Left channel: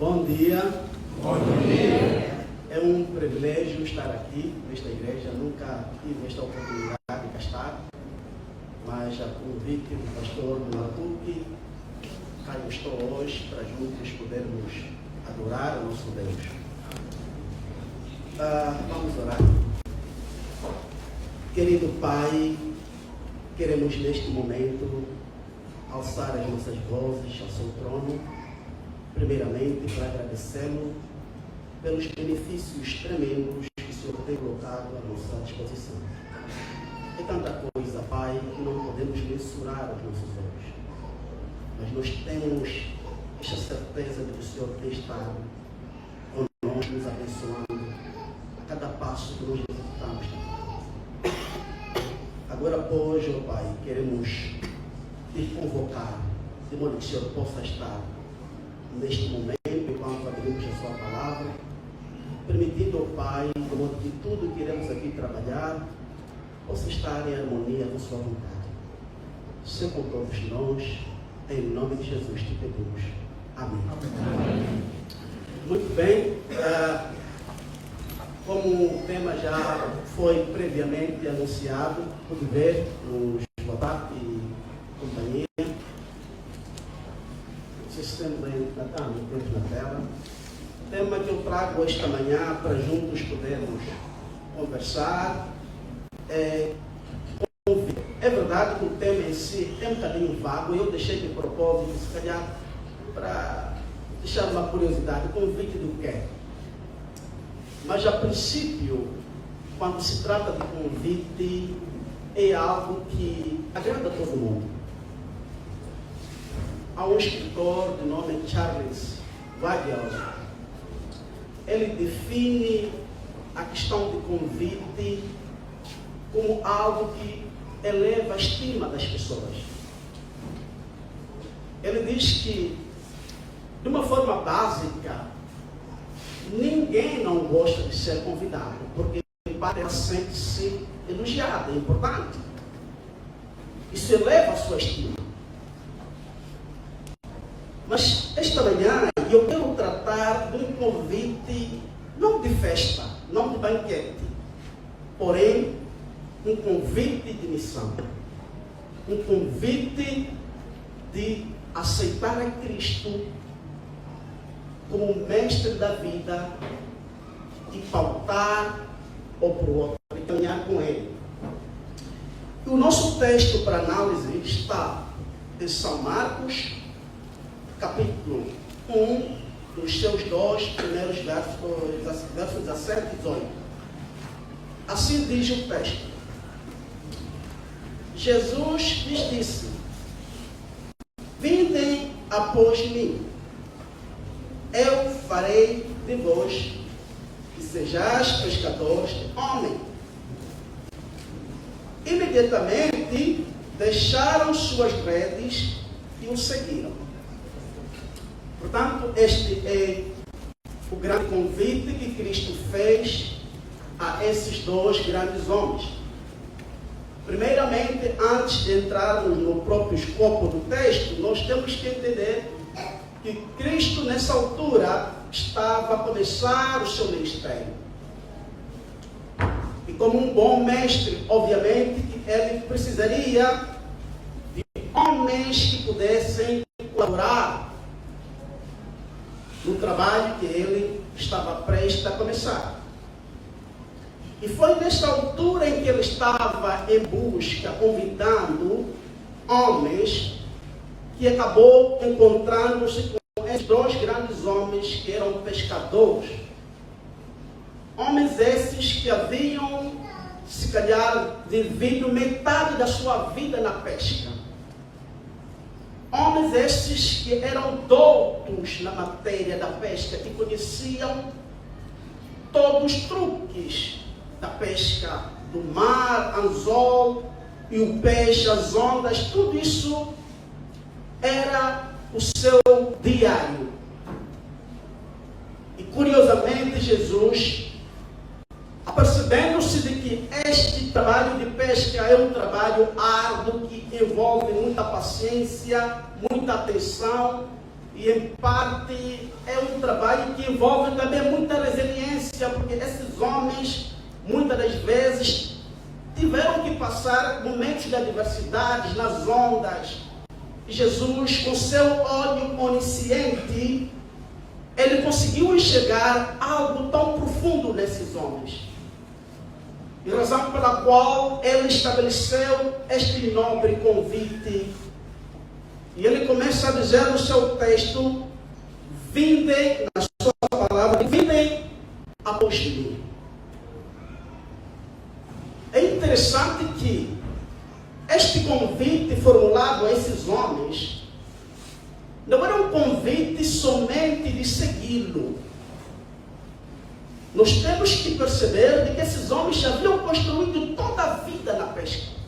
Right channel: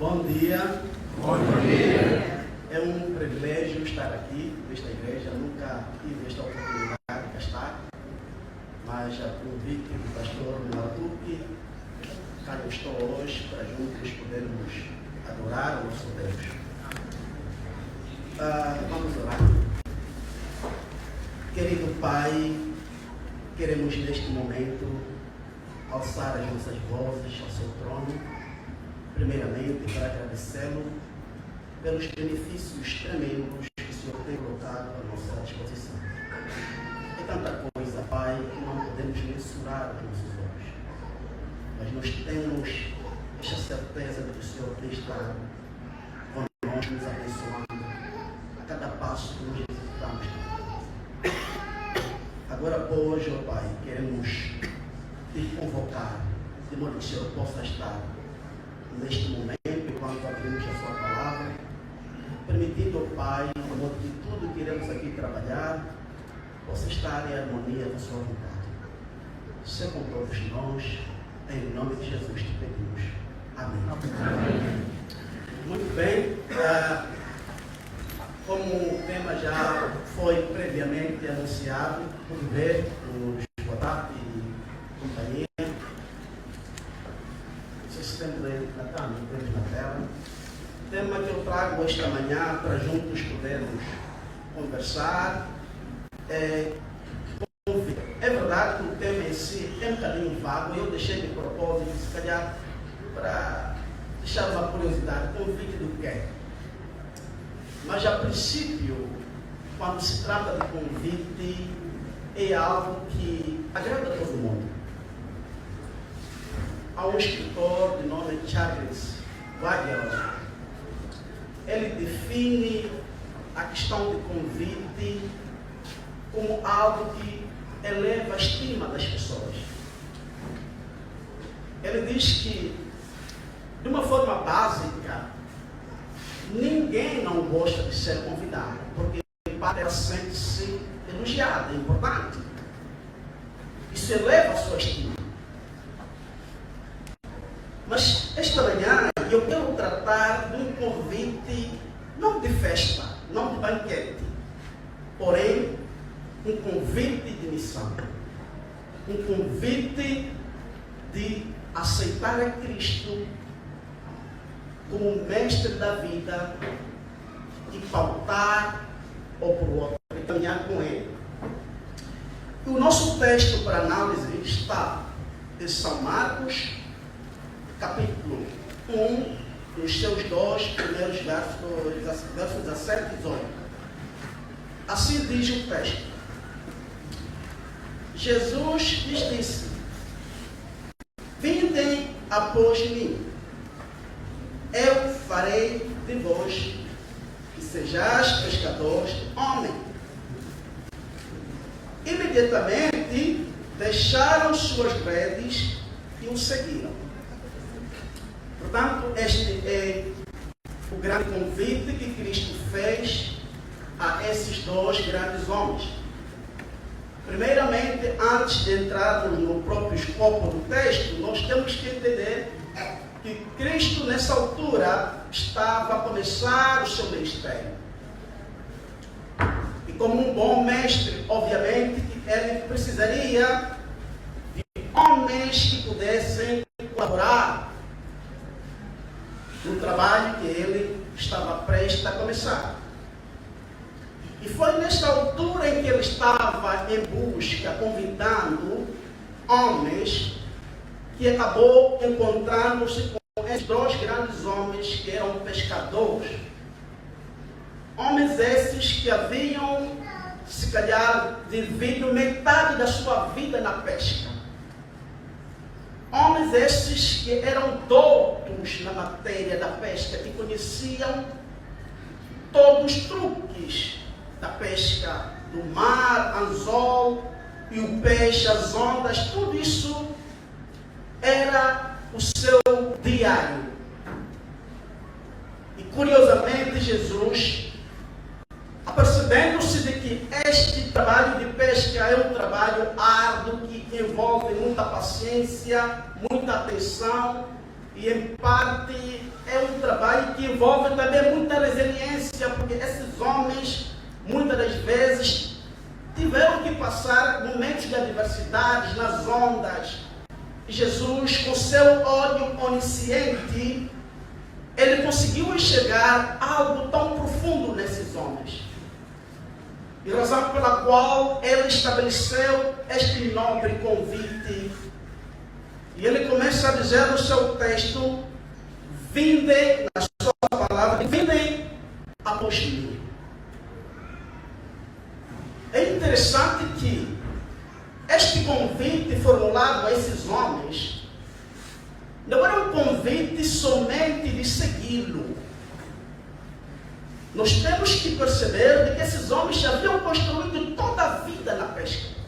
Bom dia. Bom dia. É um privilégio estar aqui nesta igreja. Nunca tive esta oportunidade de cá estar, mas a convite do pastor Matuque, cá eu estou hoje para juntos podermos adorar o nosso Deus. Vamos orar. Querido Pai, queremos neste momento alçar as nossas vozes ao seu trono, primeiramente para agradecê-lo pelos benefícios tremendos que o Senhor tem colocado à nossa disposição. É tanta coisa, Pai, que não podemos mensurar aos nossos olhos, mas nós temos esta certeza de que o Senhor tem estado conosco, nos abençoando a cada passo que nos executamos. Agora, pois, ó Pai, queremos te convocar, de modo que o Senhor possa estar neste momento, enquanto abrimos a sua palavra, permitindo, ó Pai, de modo que tudo que iremos aqui trabalhar possa estar em harmonia com sua vontade. Se com todos nós, em nome de Jesus te pedimos. Amém. Amém. Muito bem. Como o tema já foi previamente anunciado, pude ver nos WhatsApp e companhia. Vocês têm na tela. O tema que eu trago esta manhã para juntos podermos conversar é convite. É verdade que o tema em si é um bocadinho vago. Eu deixei de propósito, se calhar, para deixar uma curiosidade. Convite do quê? Mas, a princípio, quando se trata de convite, é algo que agrada a todo mundo. Há um escritor de nome Charles Waddell. Ele define a questão de convite como algo que eleva a estima das pessoas. Ele diz que, de uma forma básica, ninguém não gosta de ser convidado, porque ela sente-se elogiada, é importante. Isso eleva a sua estima. Mas esta manhã eu quero tratar de um convite, não de festa, não de banquete, porém um convite de missão. Um convite de aceitar a Cristo como mestre da vida e pautar ou para o outro e caminhar com ele. E o nosso texto para análise está em São Marcos, capítulo 1, nos seus dois primeiros versos 17 e 18. Assim diz o texto: Jesus lhes disse: vindem após mim, eu farei de vós que sejais pescadores de homem. Imediatamente deixaram suas redes e o seguiram. Portanto, este é o grande convite que Cristo fez a esses dois grandes homens. Primeiramente, antes de entrarmos no próprio escopo do texto, nós temos que entender que Cristo, nessa altura, estava a começar o seu ministério. E como um bom mestre, obviamente, ele precisaria de homens que pudessem colaborar no trabalho que ele estava prestes a começar. E foi nesta altura em que ele estava em busca, convidando homens, que acabou encontrando-se com esses dois grandes homens que eram pescadores. Homens esses que haviam, se calhar, vivido metade da sua vida na pesca. Homens esses que eram doutos na matéria da pesca, que conheciam todos os truques da pesca, do mar, anzol e o peixe, as ondas, tudo isso era o seu diário. E curiosamente Jesus, apercebendo-se de que este trabalho de pesca é um trabalho árduo, que envolve muita paciência, muita atenção e em parte é um trabalho que envolve também muita resiliência, porque esses homens, muitas das vezes, tiveram que passar momentos de adversidades, nas ondas. E Jesus, com seu olho onisciente, ele conseguiu enxergar algo tão profundo nesses homens. E a razão pela qual ele estabeleceu este nobre convite. E ele começa a dizer no seu texto: vinde, na sua palavra, vinde após mim. É interessante que este convite formulado a esses homens não era um convite somente de segui-lo. Nós temos que perceber de que esses homens já haviam construído toda a vida na pesca.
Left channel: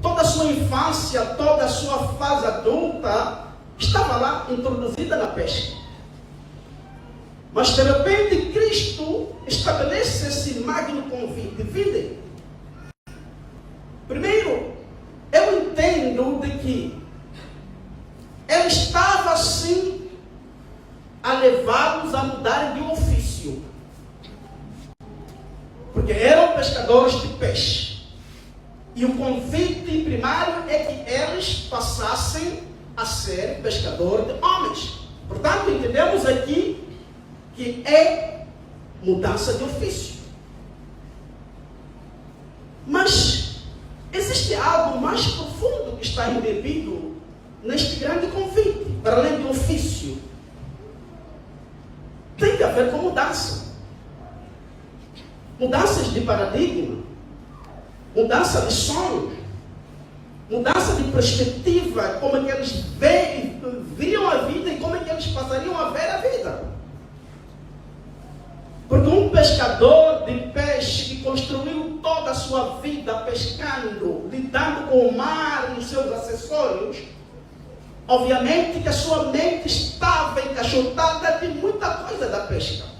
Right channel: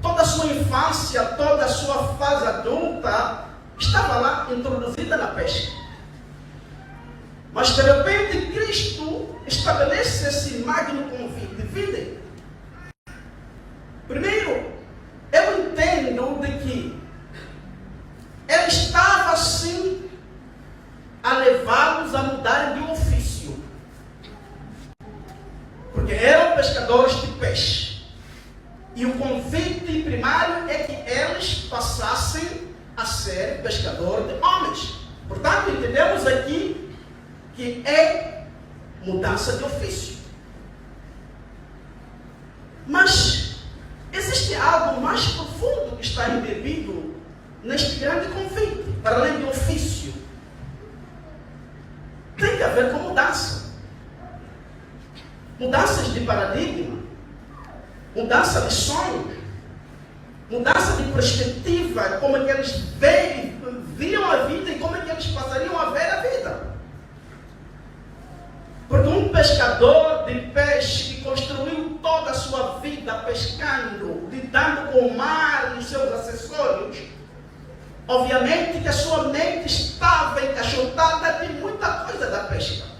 Toda a sua infância, toda a sua fase adulta estava lá introduzida na pesca. Mas de repente Cristo estabelece esse magno convite. Vinde. Primeiro, eu entendo de que ele estava assim a levá-los a mudarem de ofício. Porque eram pescadores de peixe. E o convite primário é que eles passassem a ser pescadores de homens. Portanto, entendemos aqui que é mudança de ofício. Mas existe algo mais profundo que está embebido neste grande convite, para além do ofício. Tem que haver com mudança. Mudanças de paradigma, mudança de sonhos, mudança de perspectiva, como é que eles viam a vida e como é que eles passariam a ver a vida. Porque um pescador de peixe que construiu toda a sua vida pescando, lidando com o mar e os seus acessórios, obviamente que a sua mente estava encaixotada de muita coisa da pesca.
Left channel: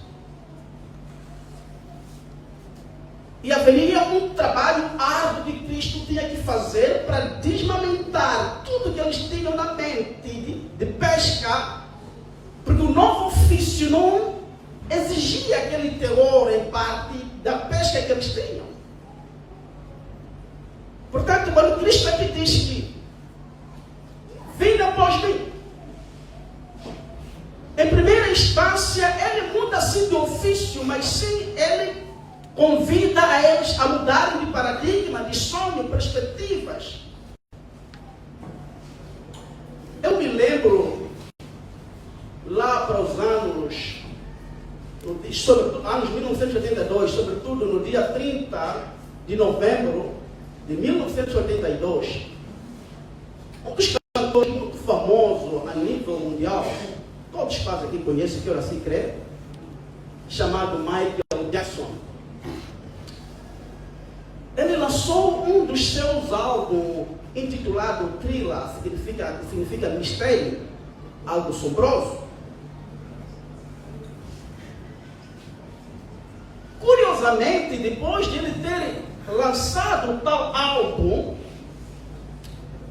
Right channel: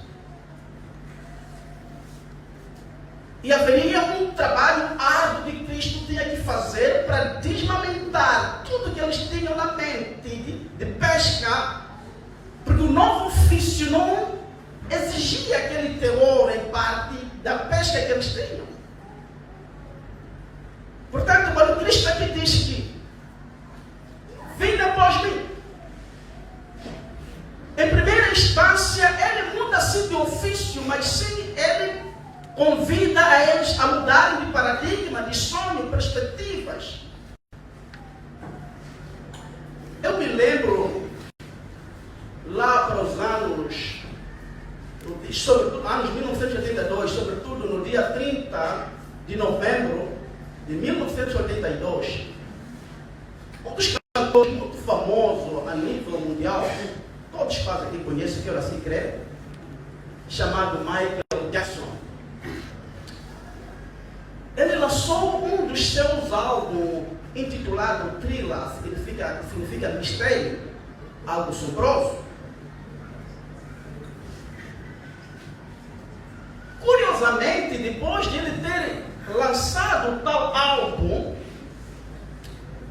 E haveria um trabalho árduo que Cristo tinha que fazer para desmamentar tudo que eles tinham na mente de pesca, porque o novo ofício não exigia aquele teor em parte da pesca que eles tinham. Portanto, quando Cristo aqui diz que vinde após mim, em primeira instância ele muda assim de ofício, mas sim ele convida a eles a mudarem de paradigma, de sonho, perspectivas. Eu me lembro lá para os anos, sobretudo anos 1982, sobretudo no dia 30 de novembro de 1982, um dos cantores muito famoso a nível mundial, todos quase aqui conhecem, que eu assim creio, chamado Michael Jackson. Ele lançou um dos seus álbuns intitulado Thriller, significa mistério, algo assombroso. Curiosamente, depois de ele ter lançado o tal álbum,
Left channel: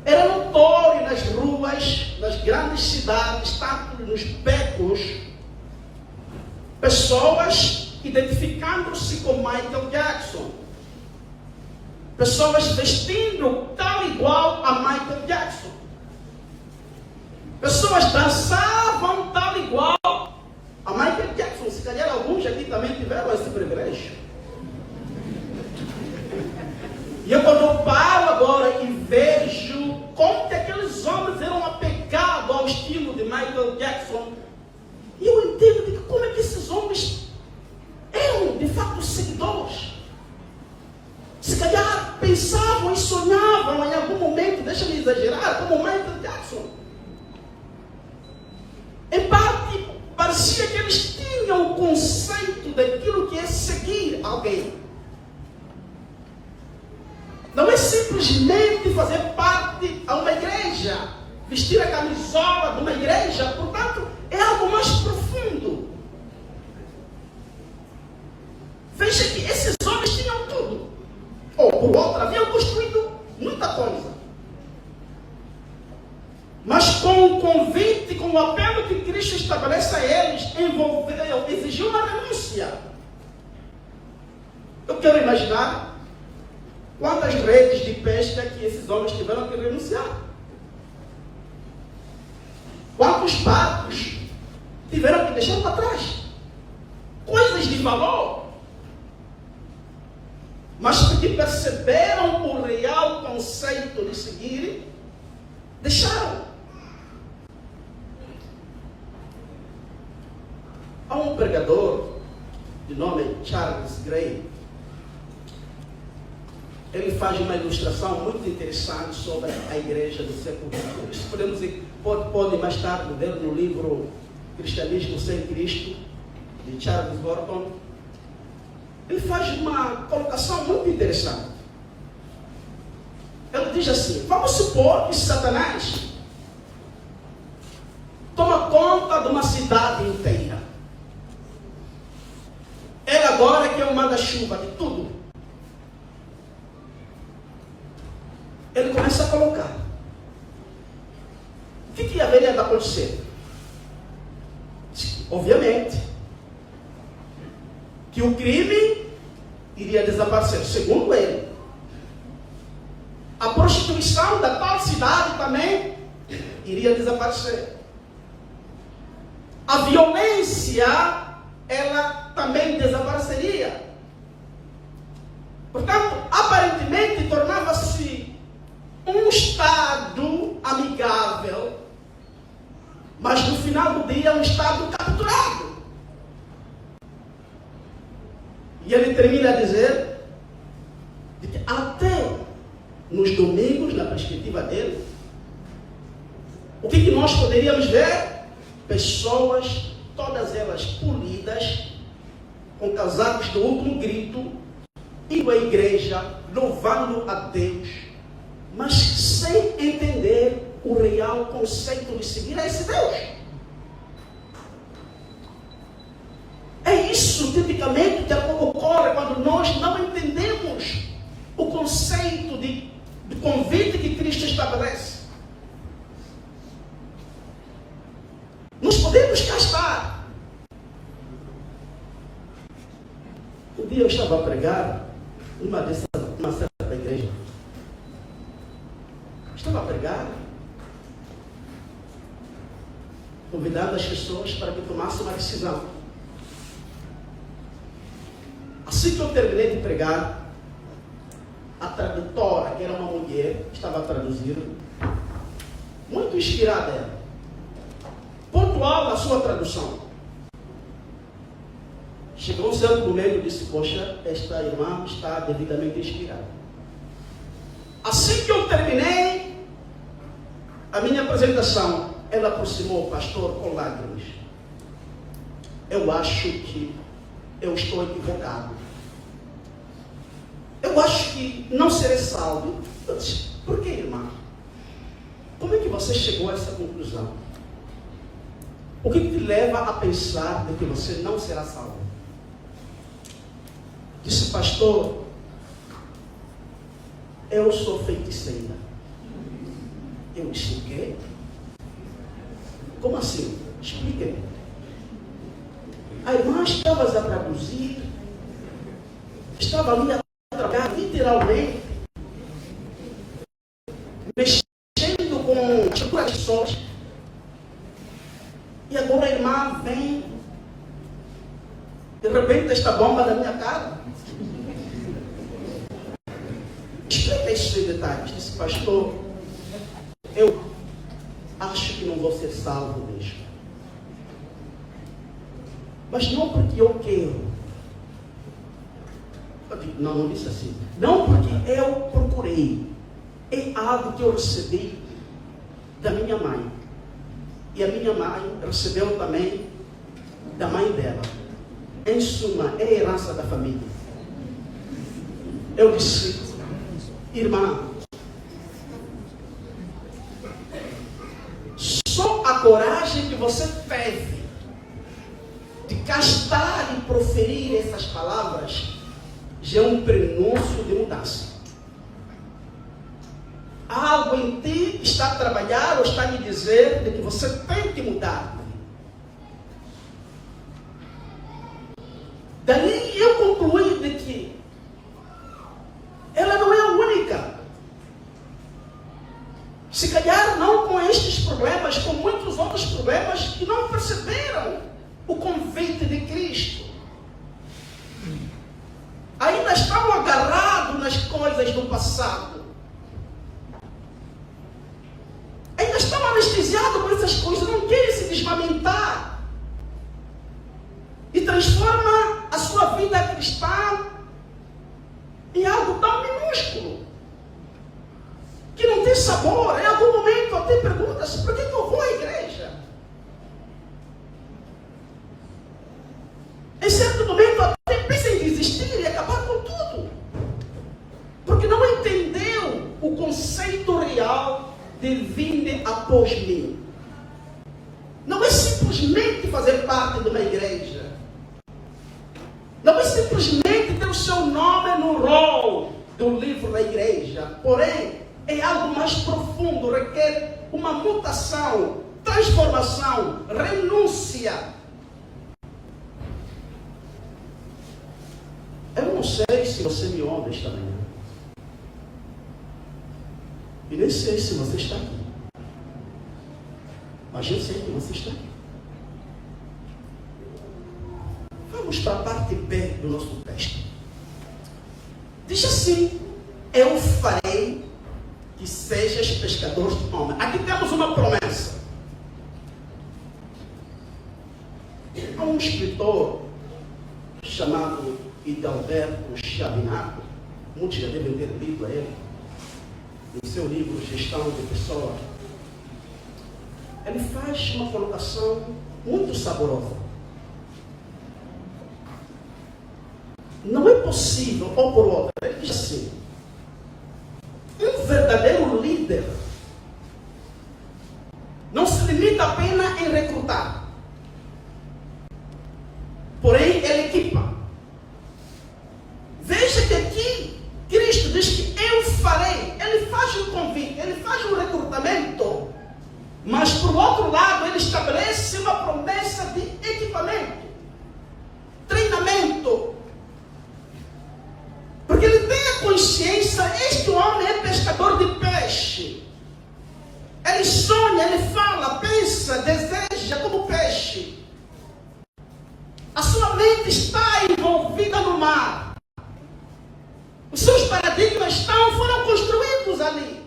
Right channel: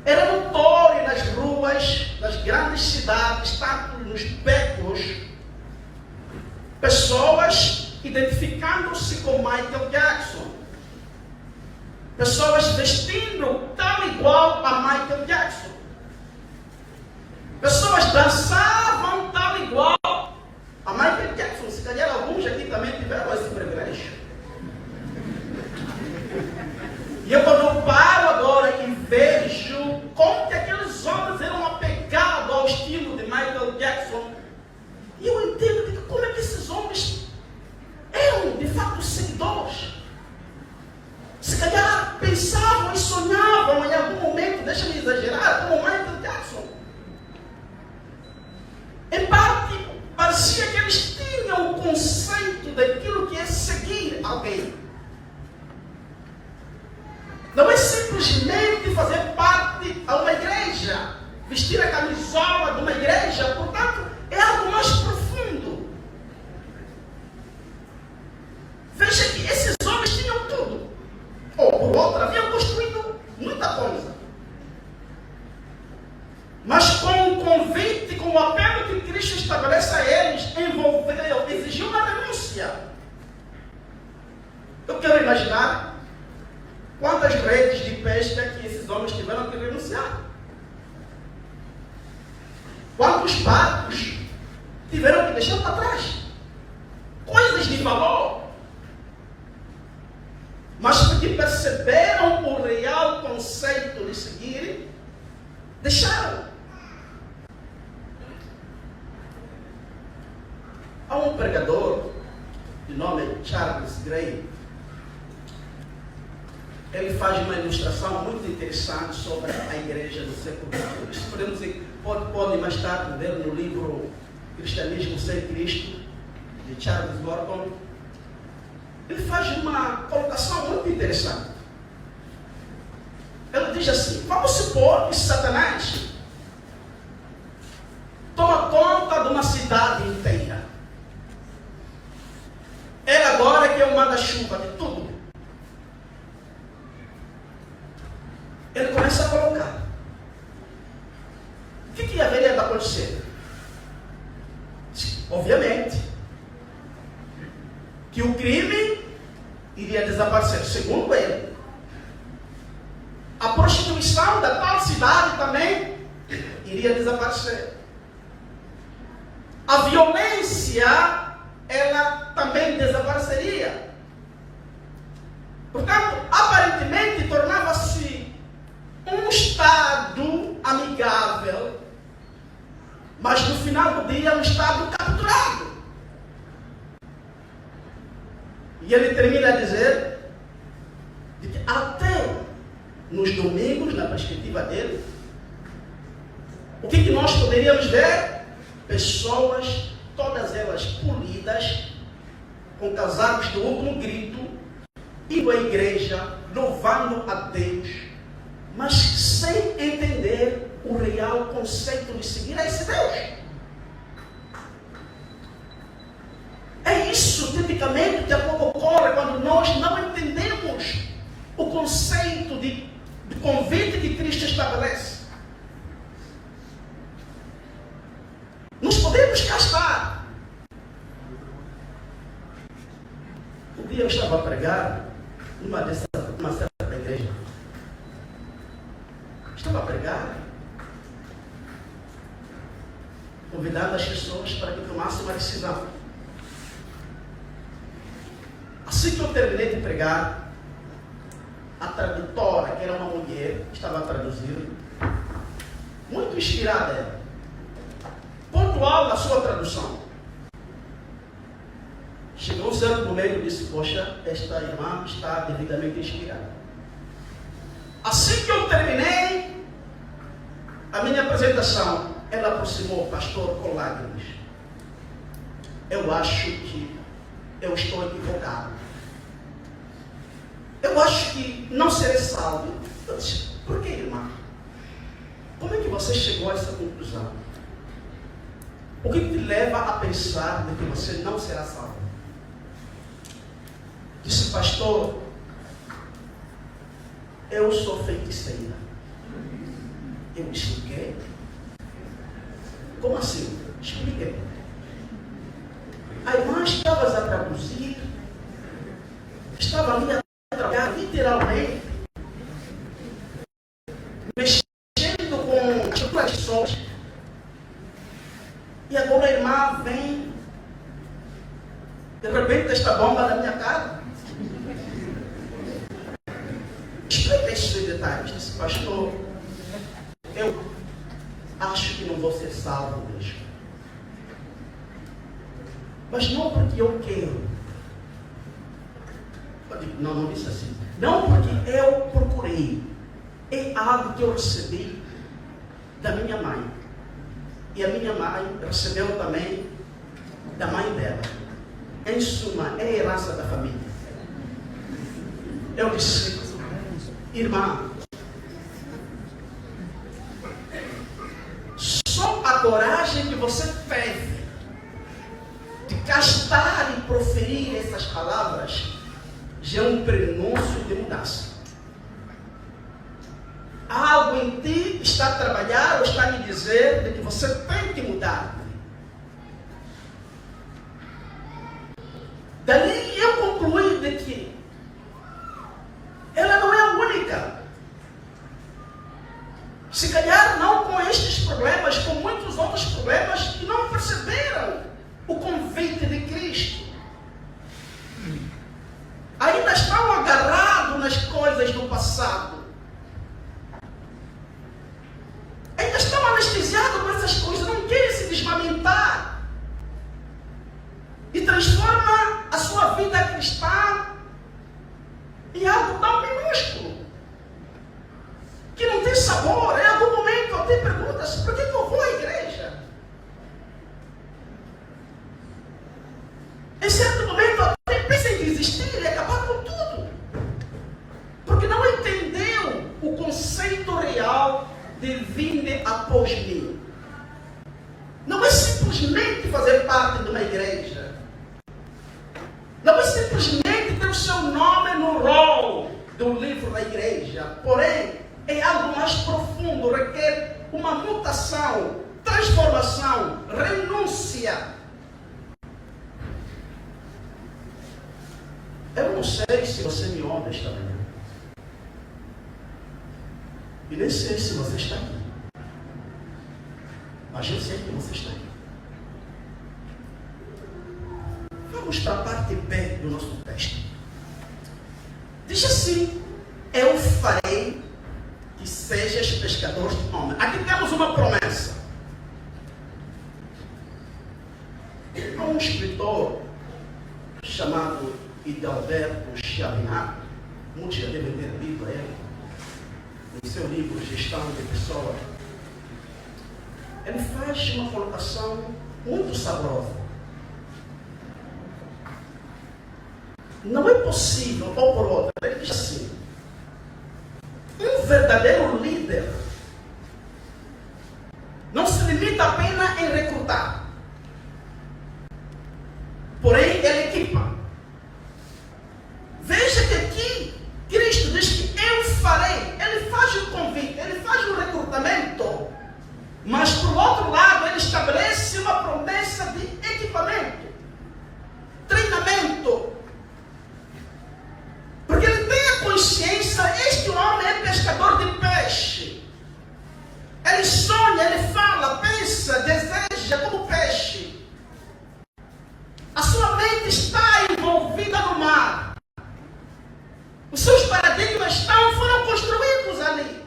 era notório nas ruas, nas grandes cidades, tanto nos becos, pessoas identificando-se com Michael Jackson. Pessoas vestindo tal igual a Michael Jackson. Pessoas dançavam tal igual a Michael Jackson. Se calhar alguns aqui também tiveram esse privilégio. E eu quando eu paro agora e vejo como que aqueles homens eram apegados ao estilo de Michael Jackson, e eu entendo de como é que esses homens eram de fato seguidores. Se calhar pensavam e sonhavam em algum momento, deixa-me exagerar, como Michael Jackson. Em parte, parecia que eles tinham o conceito daquilo que é seguir alguém. Não é simplesmente fazer parte a uma igreja, vestir a camisola de uma igreja, portanto, é algo mais profundo. Veja que esses homens tinham tudo. Ou, por outra, haviam construído muita coisa. Mas com o apelo que Cristo estabelece a eles, exigiu uma renúncia. Eu quero imaginar quantas redes de pesca que esses homens tiveram que renunciar. Quantos barcos tiveram que deixar para trás. Coisas de valor. Mas porque perceberam o real conceito de seguir, deixaram. Há um pregador de nome Charles Grey. Ele faz uma ilustração muito interessante sobre a igreja do século XX. Isso pode mais tarde ver no livro Cristianismo Sem Cristo, de Charles Gordon. Ele faz uma colocação muito interessante. Ele diz assim: vamos supor que Satanás toma conta de uma cidade inteira. Ele agora que é o manda-chuva de tudo. Ele começa a colocar. O que haveria de acontecer? Obviamente que o crime iria desaparecer, segundo ele. A prostituição da tal cidade também iria desaparecer. A violência, ela também desapareceria. Portanto, aparentemente tornava-se um estado amigável, mas no final do dia um estado capturado. E ele termina a dizer de que até nos domingos, na perspectiva dele, o que nós poderíamos ver? Pessoas, todas elas polidas, com casacos do último grito, indo à igreja, louvando a Deus, mas sem entender o real conceito de seguir a esse Deus. É isso, tipicamente, que ocorre quando nós não entendemos o conceito de convite que Cristo estabelece. Nos podemos gastar. Um dia eu estava a pregar uma certa igreja. Estava a pregar, convidando as pessoas para que tomassem uma decisão. Assim que eu terminei de pregar, a tradutora, que era uma mulher, estava traduzindo, muito inspirada, pontual na sua tradução. Chegou um certo momento e disse: poxa, esta irmã está devidamente inspirada. Assim que eu terminei a minha apresentação, ela aproximou o pastor com lágrimas. Eu acho que eu estou equivocado. Eu acho que não serei salvo. Eu disse: por que, irmã? Como é que você chegou a essa conclusão? O que te leva a pensar de que você não será salvo? Disse: pastor, eu sou feiticeira. Eu disse: o quê? Como assim? Expliquei. A irmã estava a traduzir, estava ali a trabalhar literalmente, mexendo com as tradições. E agora a irmã vem, de repente, esta bomba na minha cara. Explica isso em detalhes. Disse: pastor, eu acho que não vou ser salvo mesmo. Mas não porque eu quero. Não disse assim. Não porque eu procurei. É algo que eu recebi da minha mãe. E a minha mãe recebeu também da mãe dela. Em suma, é a herança da família. Eu disse: irmã, só a coragem que você teve de castar e proferir essas palavras já é um prenúncio de mudança. Há algo em ti está a trabalhar ou está a lhe dizer de que você tem que mudar. Dali eu concluí de que ela não é a única. Se calhar não com estes problemas, com muitos outros problemas que não perceberam o convite de Cristo. Ainda estão agarrados nas coisas do passado. Ainda estão anestesiados por essas coisas, não querem se desmamentar. E transforma a sua vida cristã em algo tão minúsculo, que não tem sabor. Em algum momento até pergunta-se, por que eu vou à igreja? Em certo momento até pensa em desistir e acabar com tudo, porque não entendeu o conceito real de vinde após mim. Não é simplesmente fazer parte de uma igreja. Não é simplesmente ter o seu nome no rol do livro da igreja. Porém, é algo mais profundo, requer uma mutação, transformação, renúncia. Eu não sei se você me ouve esta manhã. E nem sei se você está aqui. Mas eu sei que você está aqui. Vamos para a parte B do nosso texto. Diz assim: eu farei que sejas pescadores de homens. Aqui temos uma promessa. Há um escritor chamado Hidalberto Chavinato, muitos já devem ter lido a ele, em seu livro Gestão de Pessoas. Ele faz uma colocação muito saborosa. Não é possível, ou por outra, ele diz assim: um verdadeiro líder não se limita apenas em recrutar, porém ele equipa. Veja que aqui Cristo diz que eu farei. Ele faz um convite, ele faz um recrutamento, mas por outro lado ele estabelece uma promessa de equipamento, treinamento. Porque ele tem a consciência, este homem é pescador de peixe. Ele sonha, ele fala, pensa, deseja como peixe. A sua mente está envolvida no mar. Os seus paradigmas foram construídos ali.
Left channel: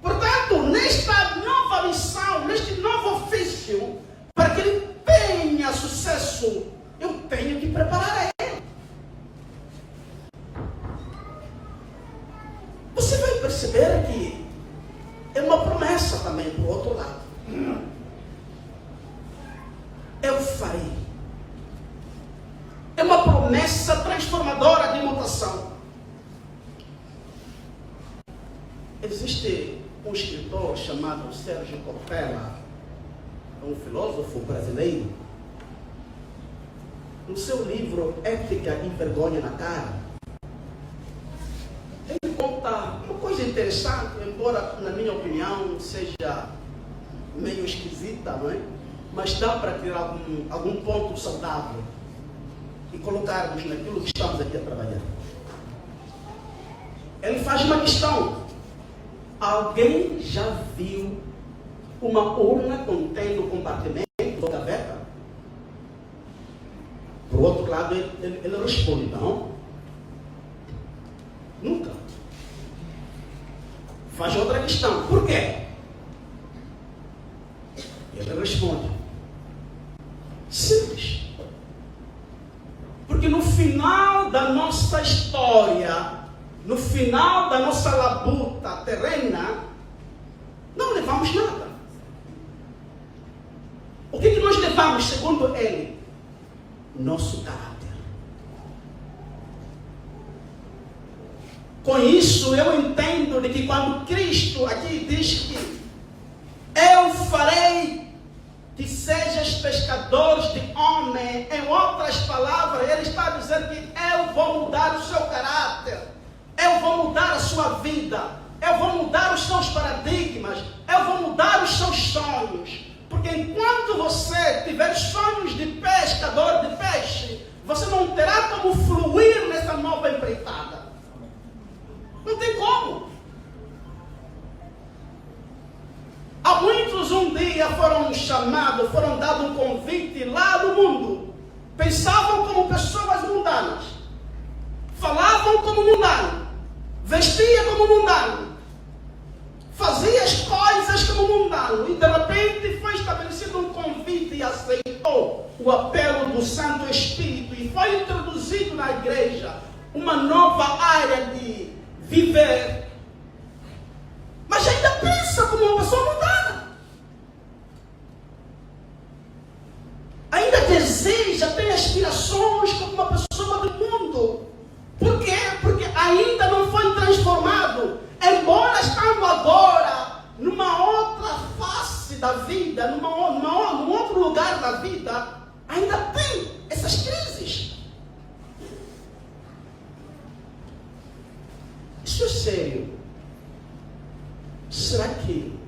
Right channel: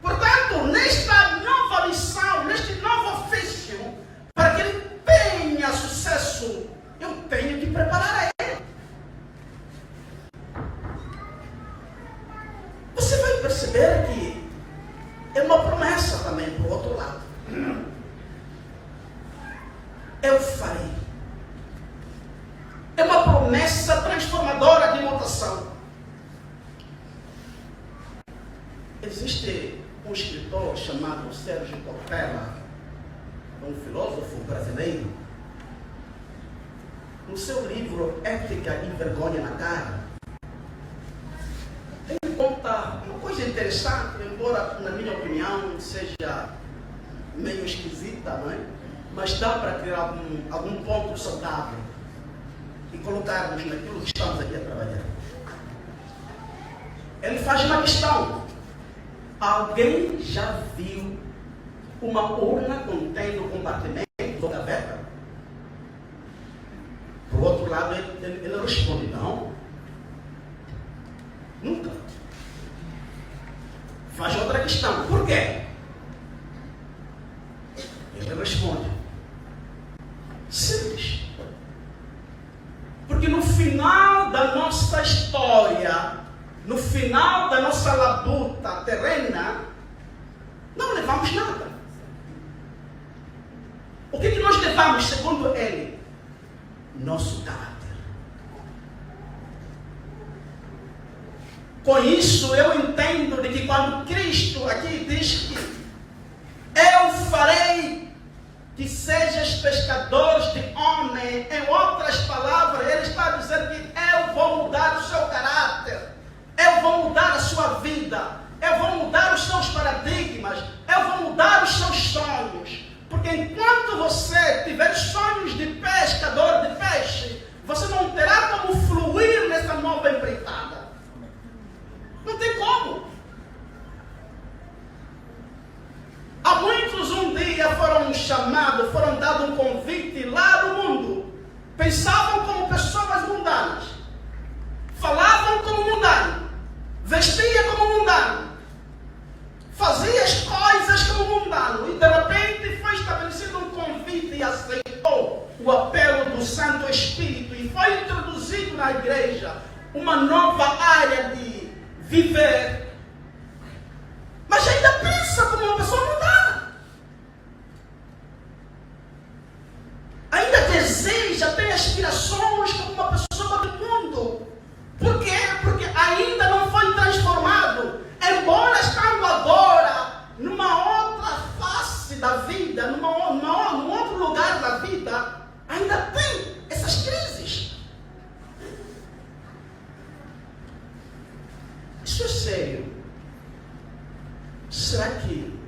Portanto, nesta nova missão, neste novo ofício, para que ele tenha sucesso, eu tenho que preparar a ele. Você vai perceber que é uma promessa também para o outro lado. Eu farei. É uma promessa transformadora de mutação. Existe um escritor chamado Sérgio Cortella, um filósofo brasileiro. No seu livro Ética e Vergonha na Cara, ele conta uma coisa interessante, embora na minha opinião seja meio esquisita, não é? Mas dá para tirar algum ponto saudável e colocarmos naquilo que estamos aqui a trabalhar. Ele faz uma questão: alguém já viu uma urna contendo compartimento ou gaveta? Por outro lado, ele responde: não, nunca. Faz outra questão: por quê? Ele responde: simples. Porque no final da nossa história, no final da nossa labuta terrena, não levamos nada. O que nós levamos, segundo ele? Nosso caráter. Com isso eu entendo de que quando Cristo aqui diz que eu farei que sejas pescadores de homem, em outras palavras, ele está dizendo que eu vou mudar o seu caráter, eu vou mudar a sua vida, eu vou mudar os seus paradigmas, eu vou mudar os seus sonhos. Porque enquanto você tiver sonhos de pescador de peixe, você não terá como fluir nessa nova empreitada. Não tem como. Há muitos um dia foram chamados, foram dados um convite lá do mundo. Pensavam como pessoas mundanas. Falavam como mundano. Vestia como mundano. Fazia as coisas como mundano. E de repente foi estabelecido um convite e aceitou o apelo do Santo Espírito. E foi introduzido na igreja uma nova área de viver. Mas ainda pensa como uma pessoa mundana. Ainda deseja, tem aspirações como uma pessoa do mundo. Por quê? Porque ainda não foi transformado. Embora estando agora numa outra face da vida, num outro lugar da vida, ainda tem essas crises. Isso é sério. Será que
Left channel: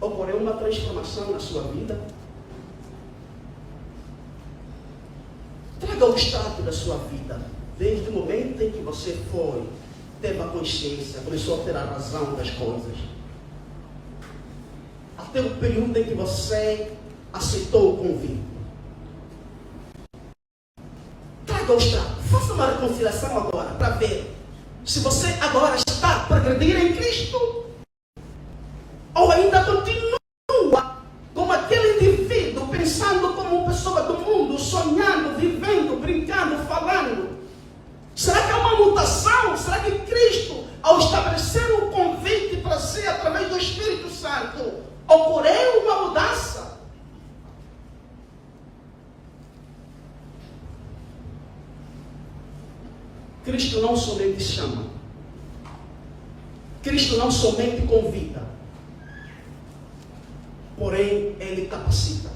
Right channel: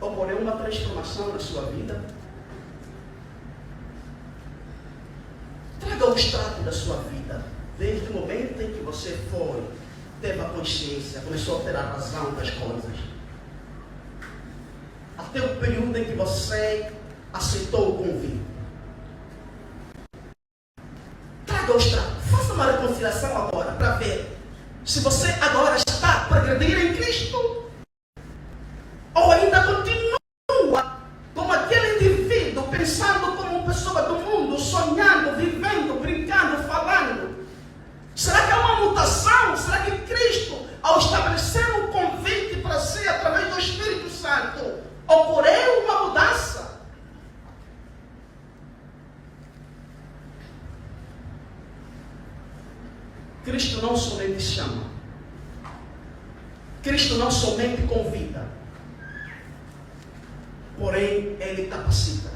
ocorreu uma transformação na sua vida? Traga o extrato da sua vida, desde o momento em que você foi, teve a consciência, começou a ter a razão das coisas, até o período em que você aceitou o convite. Traga o extrato, faça uma reconciliação agora, para ver se você agora está a progredir em Cristo, ou ainda continua como aquele indivíduo, pensando como uma pessoa do mundo, sonhando, vivendo, brincando, falando. Será que há uma mutação? Será que Cristo, ao estabelecer um convite para si através do Espírito Santo, ocorreu uma mudança? Cristo não somente chama. Cristo não somente convida. Porém, Ele capacita.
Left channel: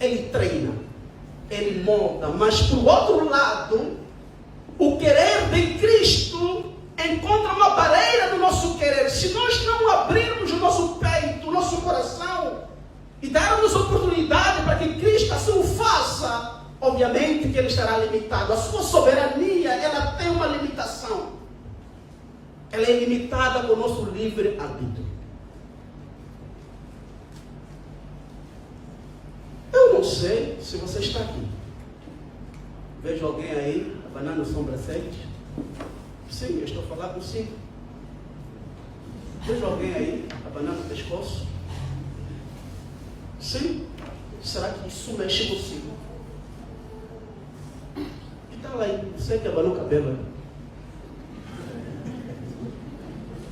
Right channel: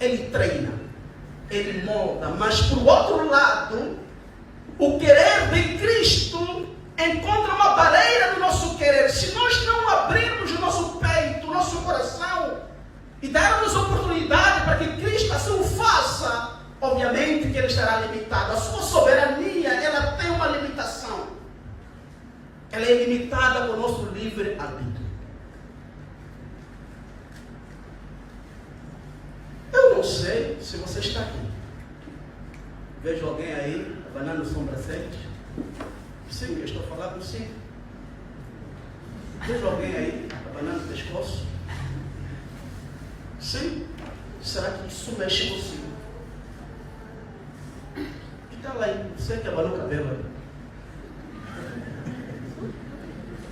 Ele treina. Ele molda. Mas, por outro lado, o querer de Cristo encontra uma barreira no nosso querer. Se nós não abrirmos o nosso peito, o nosso coração, e darmos oportunidade para que Cristo assim o faça, obviamente que Ele estará limitado. A sua soberania, ela tem uma limitação. Ela é limitada pelo nosso livre-arbítrio. Eu não sei se você está aqui. Vejo alguém aí abanando as sobrancelhas. Sim, eu estou a falar consigo. Vejo alguém aí abanando o pescoço. Sim. Será que isso mexe consigo? Que tal aí? Você que abanou o cabelo?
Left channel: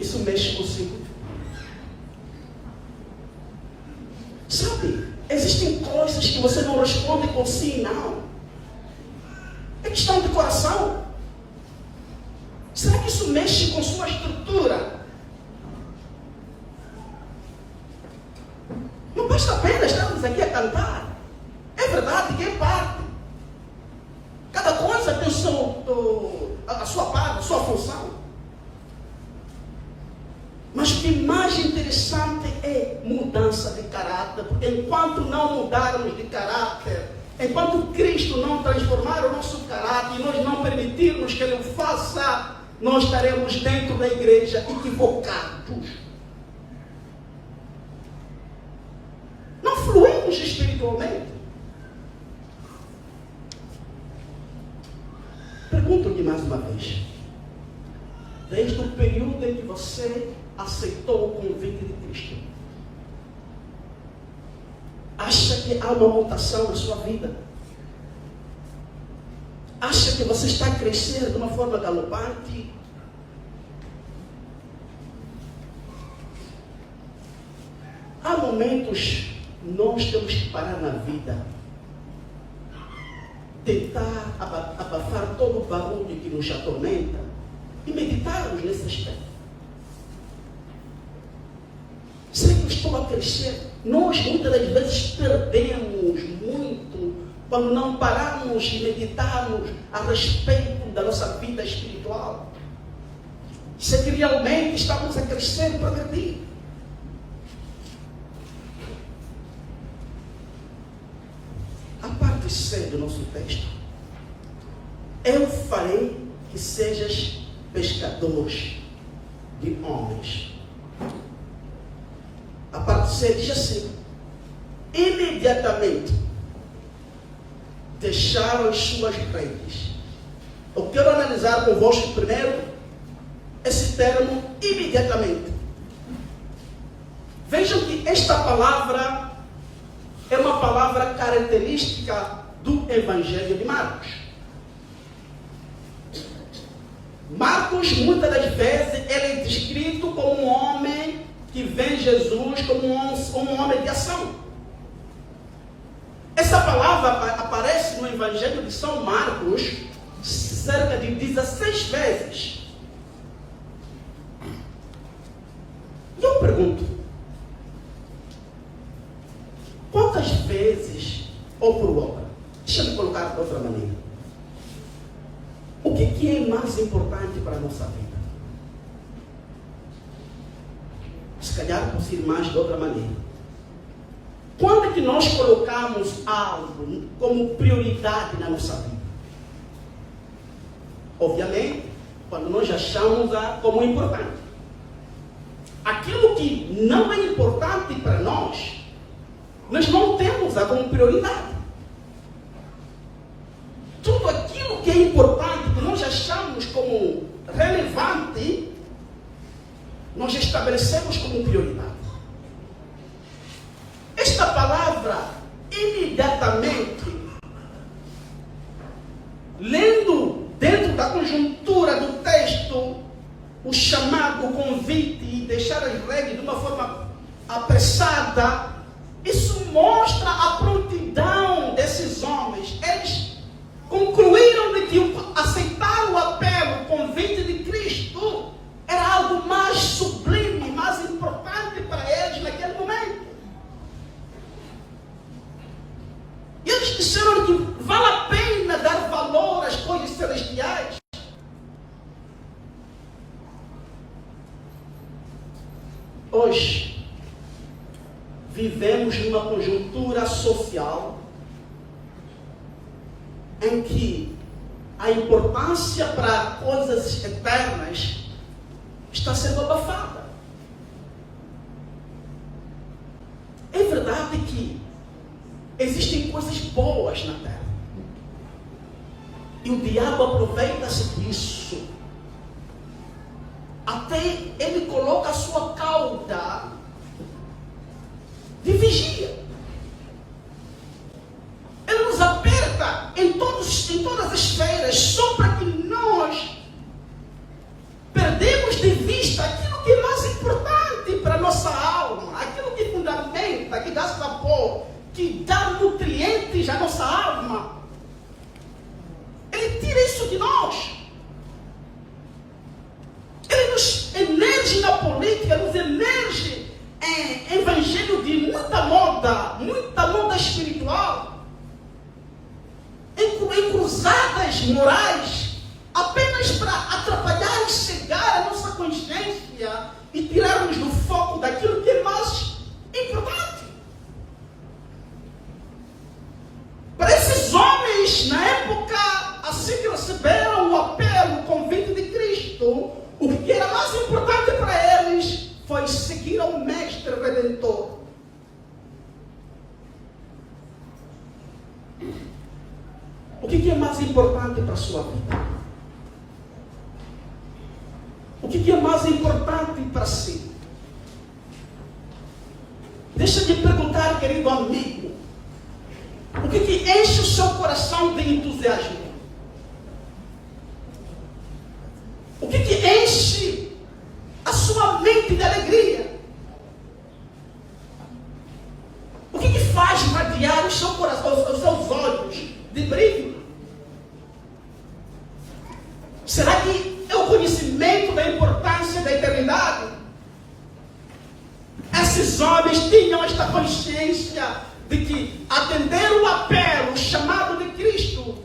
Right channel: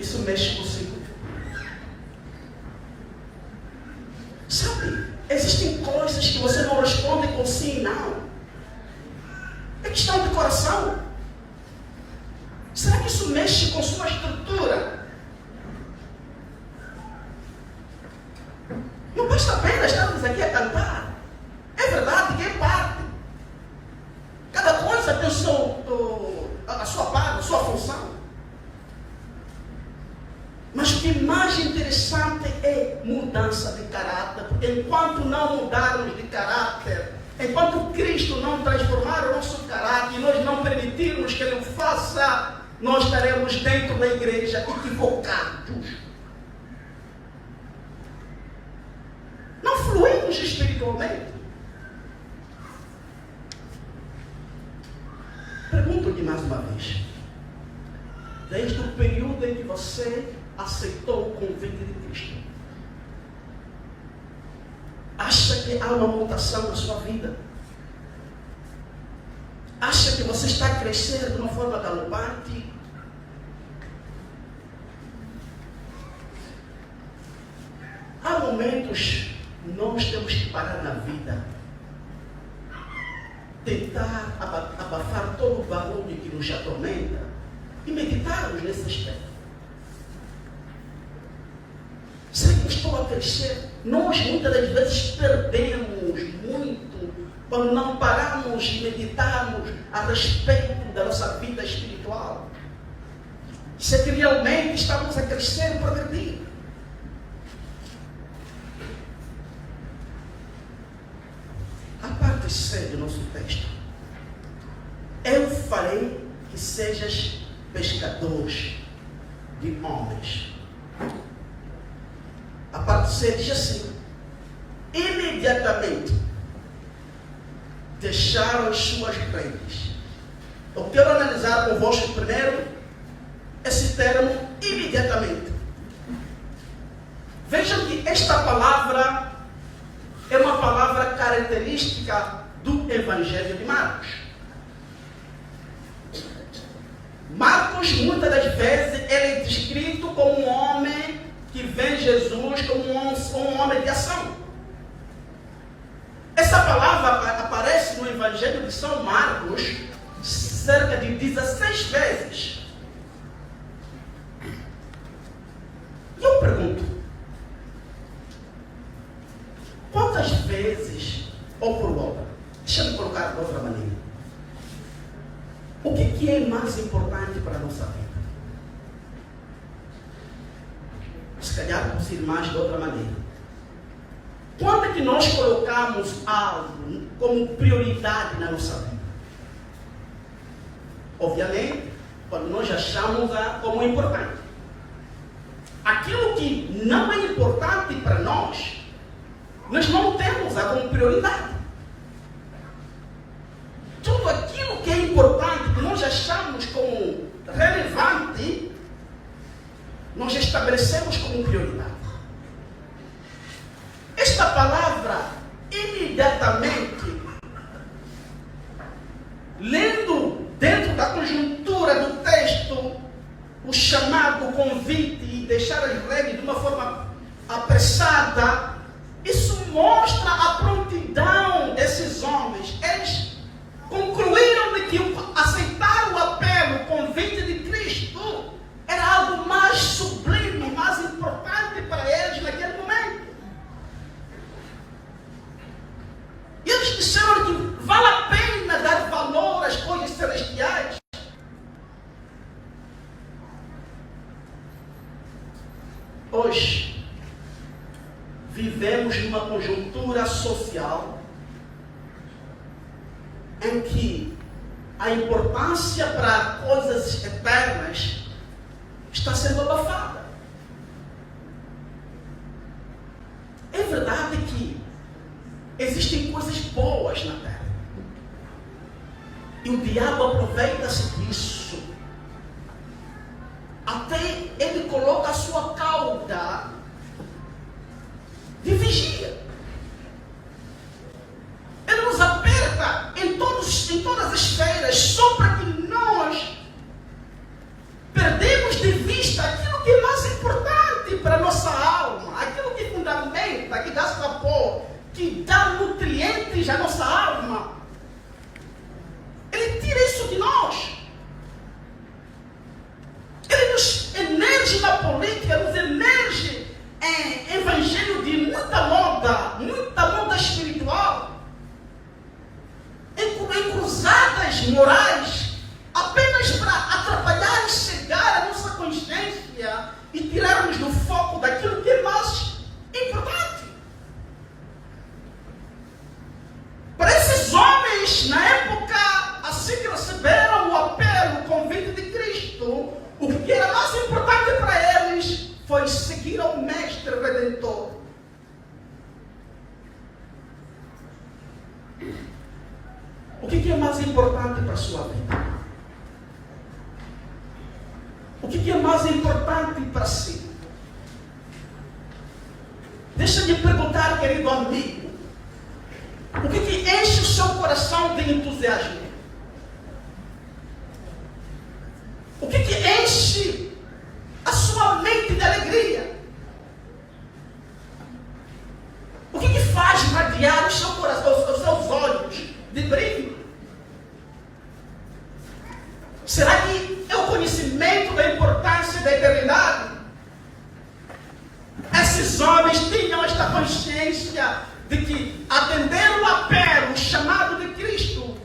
Isso mexe consigo? Sabe? Existem coisas que você não responde com sim e não. É questão de coração. Será que isso mexe com sua estrutura? Não basta apenas estarmos aqui a cantar. É verdade que é parte. Cada coisa tem a sua parte, a sua função. Mas o que é mais interessante é mudança de caráter. Porque enquanto não mudarmos de caráter, enquanto Cristo não transformar o nosso caráter e nós não permitirmos que Ele o faça, nós estaremos dentro da igreja equivocados. Não fluímos espiritualmente. Pergunto-lhe mais uma vez. Desde o período em que você aceitou o convite de Cristo, acha que há uma mutação na sua vida? Acha que você está a crescer de uma forma galopante? Há momentos nós temos que parar na vida, tentar abafar todo o barulho que nos atormenta e meditarmos nesse aspecto. Será que eu estou a crescer? Nós muitas das vezes perdemos muito quando não pararmos e meditarmos a respeito da nossa vida espiritual. se é que realmente estamos a crescer e progredir. A parte C do nosso texto. Eu farei que sejas pescadores de homens. A parte C diz assim: imediatamente deixaram as suas redes. Eu quero analisar convosco primeiro esse termo imediatamente. Vejam que esta palavra é uma palavra característica do Evangelho de Marcos. Marcos, muitas das vezes, ele é descrito como um homem que vê Jesus como um homem de ação. Essa palavra aparece no Evangelho de São Marcos cerca de 16 vezes. E eu pergunto, quantas vezes, ou por outra, deixa-me colocar de outra maneira, o que é mais importante para a nossa vida? Se calhar posso ir mais de outra maneira. Quando é que nós colocamos algo como prioridade na nossa vida? Obviamente, quando nós achamos como importante. Aquilo que não é importante para nós não temos como prioridade. Tudo aquilo que é importante, que nós achamos como relevante, nós estabelecemos como prioridade. Esta palavra, imediatamente, lendo dentro da conjuntura do texto, o chamado, o convite e deixar as regras de uma forma apressada, isso mostra a prontidão desses homens. Eles concluíram de que aceitar o apelo, o convite de Cristo, era algo mais sublime, mais importante para eles naquele momento. E eles disseram que vale a pena dar valor às coisas celestiais. Hoje, vivemos numa conjuntura social em que a importância para coisas eternas está sendo abafada. É verdade que existem coisas boas na terra. E o diabo aproveita-se disso. Até ele coloca a sua cauda de vigia. Ele nos aperta em todas as esferas, só para que nós perdemos de vista aquilo que é mais importante para a nossa alma, aquilo que fundamenta, que dá sabor, que dá nutrientes à nossa alma. Ele tira isso de nós. Ele nos emerge na política, nos emerge em evangelho de muita moda espiritual, em cruzadas morais, apenas para atrapalhar e cegar a nossa consciência e tirarmos do foco daquilo que é mais importante. Para esses homens, na época, assim que receberam o apelo, o convite de Cristo, o que era mais importante para eles foi seguir ao Mestre Redentor. O que é mais importante para a sua vida? O que é mais importante para si? Deixa de perguntar, querido amigo, o que enche o seu coração de entusiasmo? O que enche a sua mente de alegria? O que faz radiar o seu coração, os seus olhos de brilho? Será que é o conhecimento da importância da eternidade? Esses homens tinham esta consciência de que atender o apelo, o chamado de Cristo,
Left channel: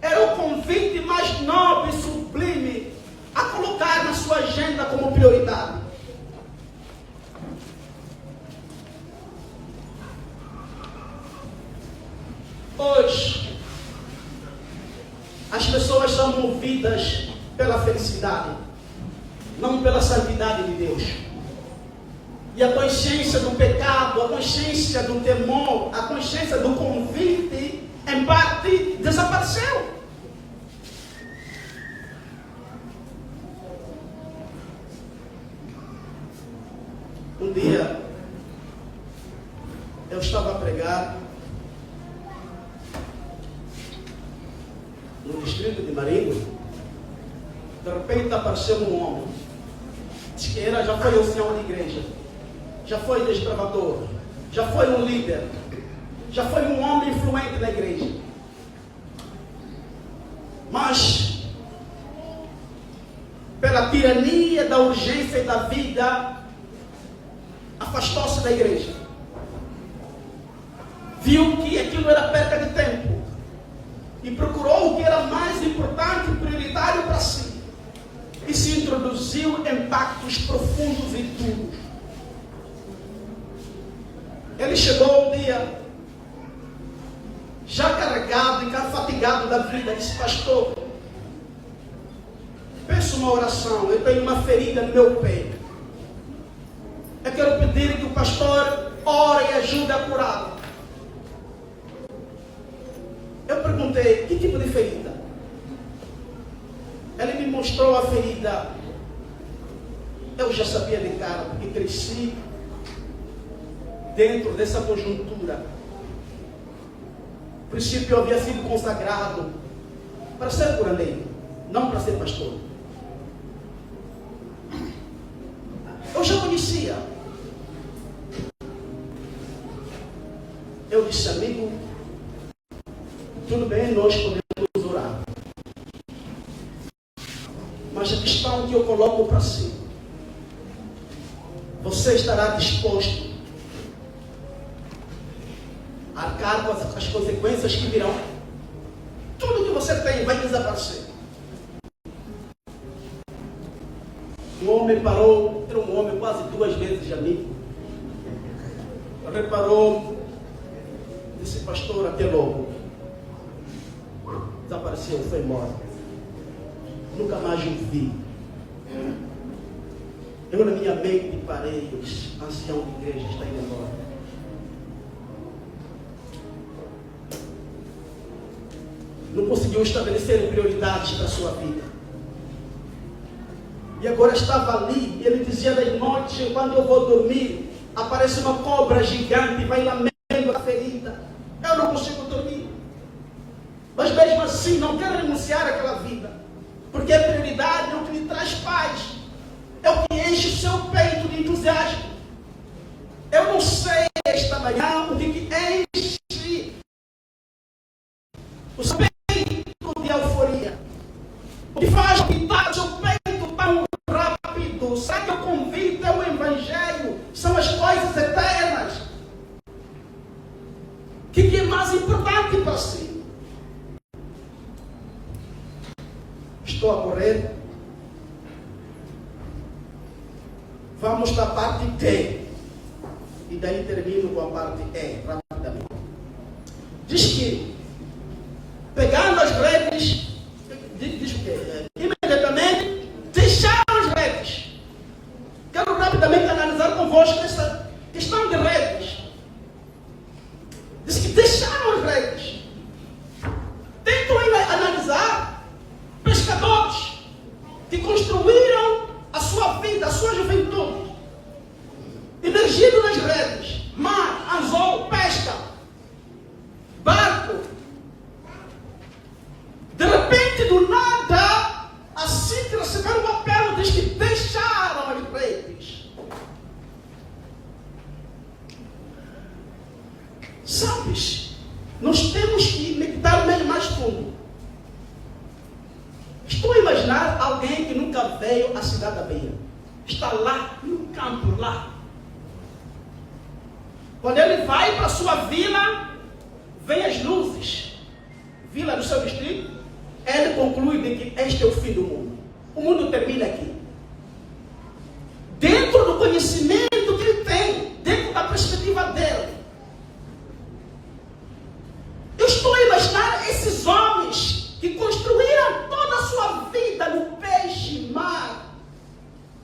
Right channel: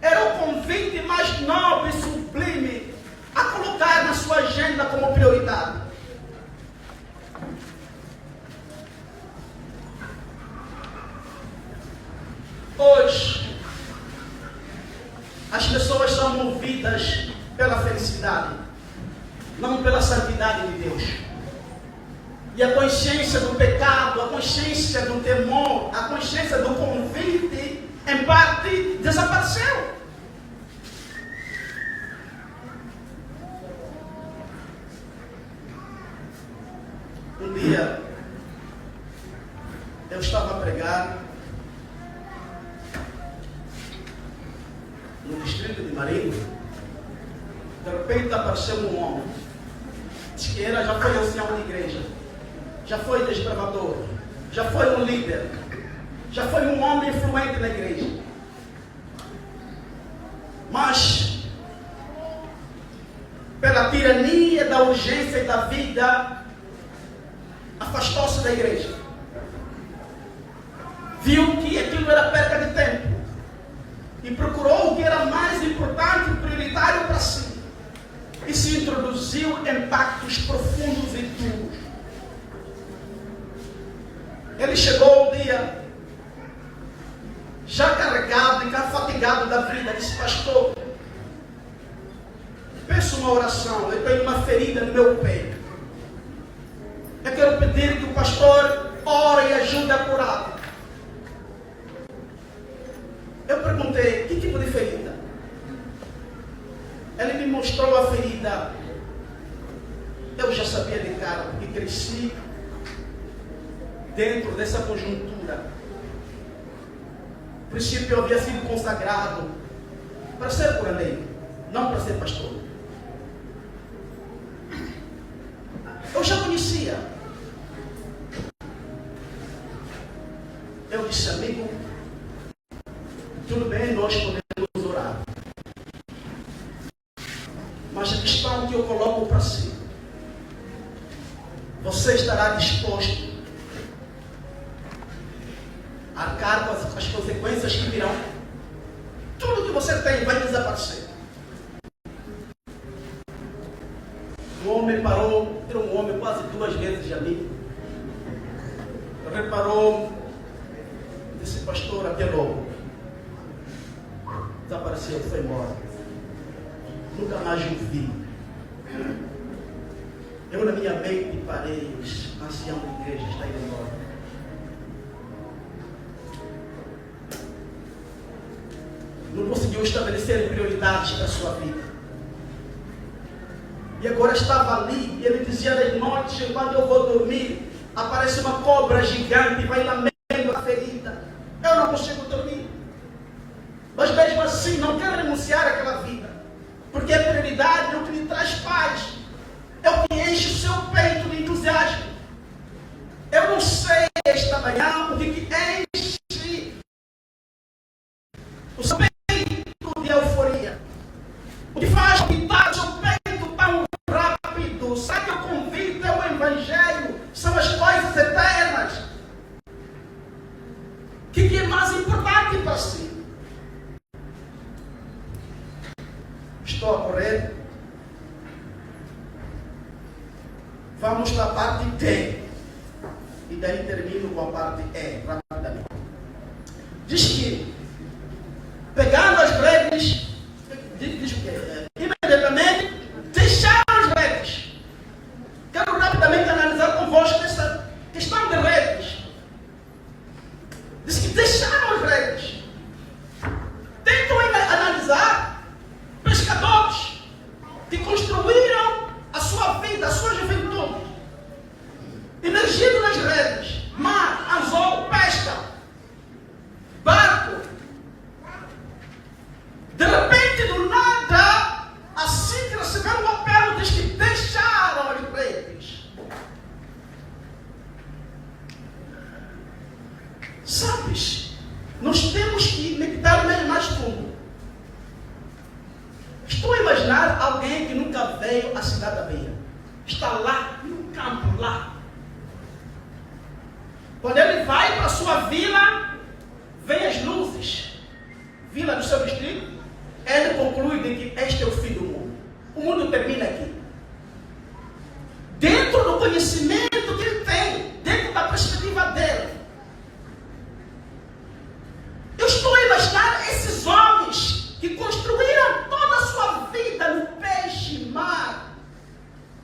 era o convite mais nobre e sublime a colocar colocar na sua agenda como prioridade. Hoje, as pessoas são movidas pela felicidade, não pela santidade de Deus. E a consciência do pecado, a consciência do temor, a consciência do convite, em parte, desapareceu. Um dia, eu estava a pregar no distrito de Marinho. De repente apareceu um homem. Diz que ele já foi ancião de igreja, já foi desbravador, já foi um líder, já foi um homem influente na igreja. Mas, pela tirania da urgência e da vida, afastou-se da igreja. Viu que aquilo era perca de tempo e procurou o que era mais importante e prioritário para si. E se introduziu em pactos profundos e duros. Ele chegou um dia, já carregado e fatigado da vida, disse: pastor, peço uma oração, eu tenho uma ferida no meu peito. Eu quero pedir que o pastor ore e ajude a curar. Eu perguntei: que tipo de ferida? Ele me mostrou a ferida. Eu já sabia de cara, porque cresci dentro dessa conjuntura. No princípio eu havia sido consagrado para ser curandeiro, não para ser pastor. Eu já conhecia. Eu disse: amigo, tudo bem, nós podemos orar. Mas a questão que eu coloco para si: você estará disposto a arcar com as consequências que virão? Tudo que você tem vai desaparecer. O homem parou, era um homem quase 2 vezes amigo. Ele reparou, disse: pastor, até logo. Desapareceu, foi embora. Nunca mais o vi. Eu na minha mente parei: o ancião de igreja está indo embora. Não conseguiu estabelecer prioridades para a sua vida. E agora estava ali, ele dizia: de noite, quando eu vou dormir, aparece uma cobra gigante e vai lamendo a ferida. Eu não consigo dormir. Mas mesmo assim, não quero renunciar àquela vida. Porque a prioridade é o que lhe traz paz. É o que enche o seu peito de entusiasmo. Eu não sei esta manhã o que enche o seu peito de euforia. O que faz pintar o seu peito tão rápido. Será que o convite é o Evangelho? São as coisas eternas. O que é mais importante para si? Estou a correr. Vamos para a parte D. E daí termino com a parte E, rapidamente. Diz que, pegando as redes, diz o quê? Imediatamente, deixaram as redes. Quero rapidamente analisar convosco essa questão de redes. Diz que deixaram as redes. Tentam analisar pescadores que construíram a sua vida, a sua juventude, emergindo nas redes, mar, anzol, pesca, barco. De repente, do nada, assim que receberam o papel, diz que deixaram as redes. Sabes, nós temos que meditar bem mais fundo. Estou a imaginar alguém que nunca veio à cidade da Bahia. Está lá, no campo, lá. Quando ele vai para a sua vila, vem as luzes. Vila do seu distrito, ele conclui de que este é o fim do mundo. o mundo termina aqui. Dentro do conhecimento que ele tem, dentro da perspectiva dele. Eu estou a imaginar esses homens que construíram toda a sua vida no peixe, mar,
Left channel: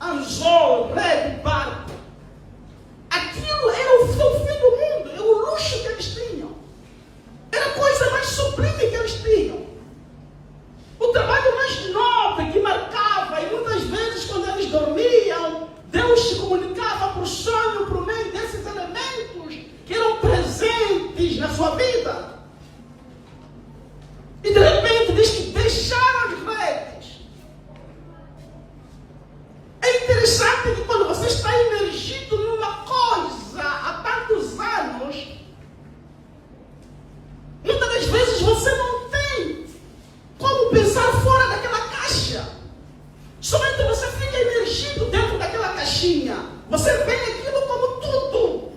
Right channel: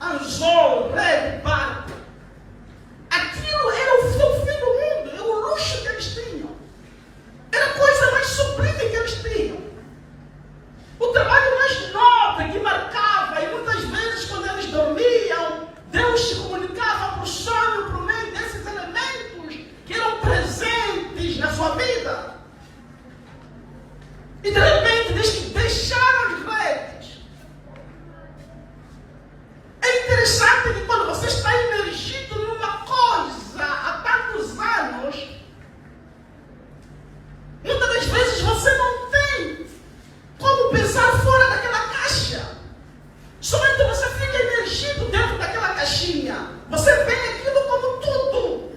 anzol, rede, barco. Aquilo era o fim do mundo, era o luxo que eles tinham. Era a coisa mais sublime que eles tinham. O trabalho mais nobre que marcava, e muitas vezes quando eles dormiam, Deus se comunicava por sonho, por meio desses elementos que eram presentes na sua vida. E de repente diz que deixaram as redes. É interessante que quando você está imergido numa coisa há tantos anos, muitas das vezes você não tem como pensar fora daquela caixa. Somente você fica imergido dentro daquela caixinha. Você vê aquilo como tudo.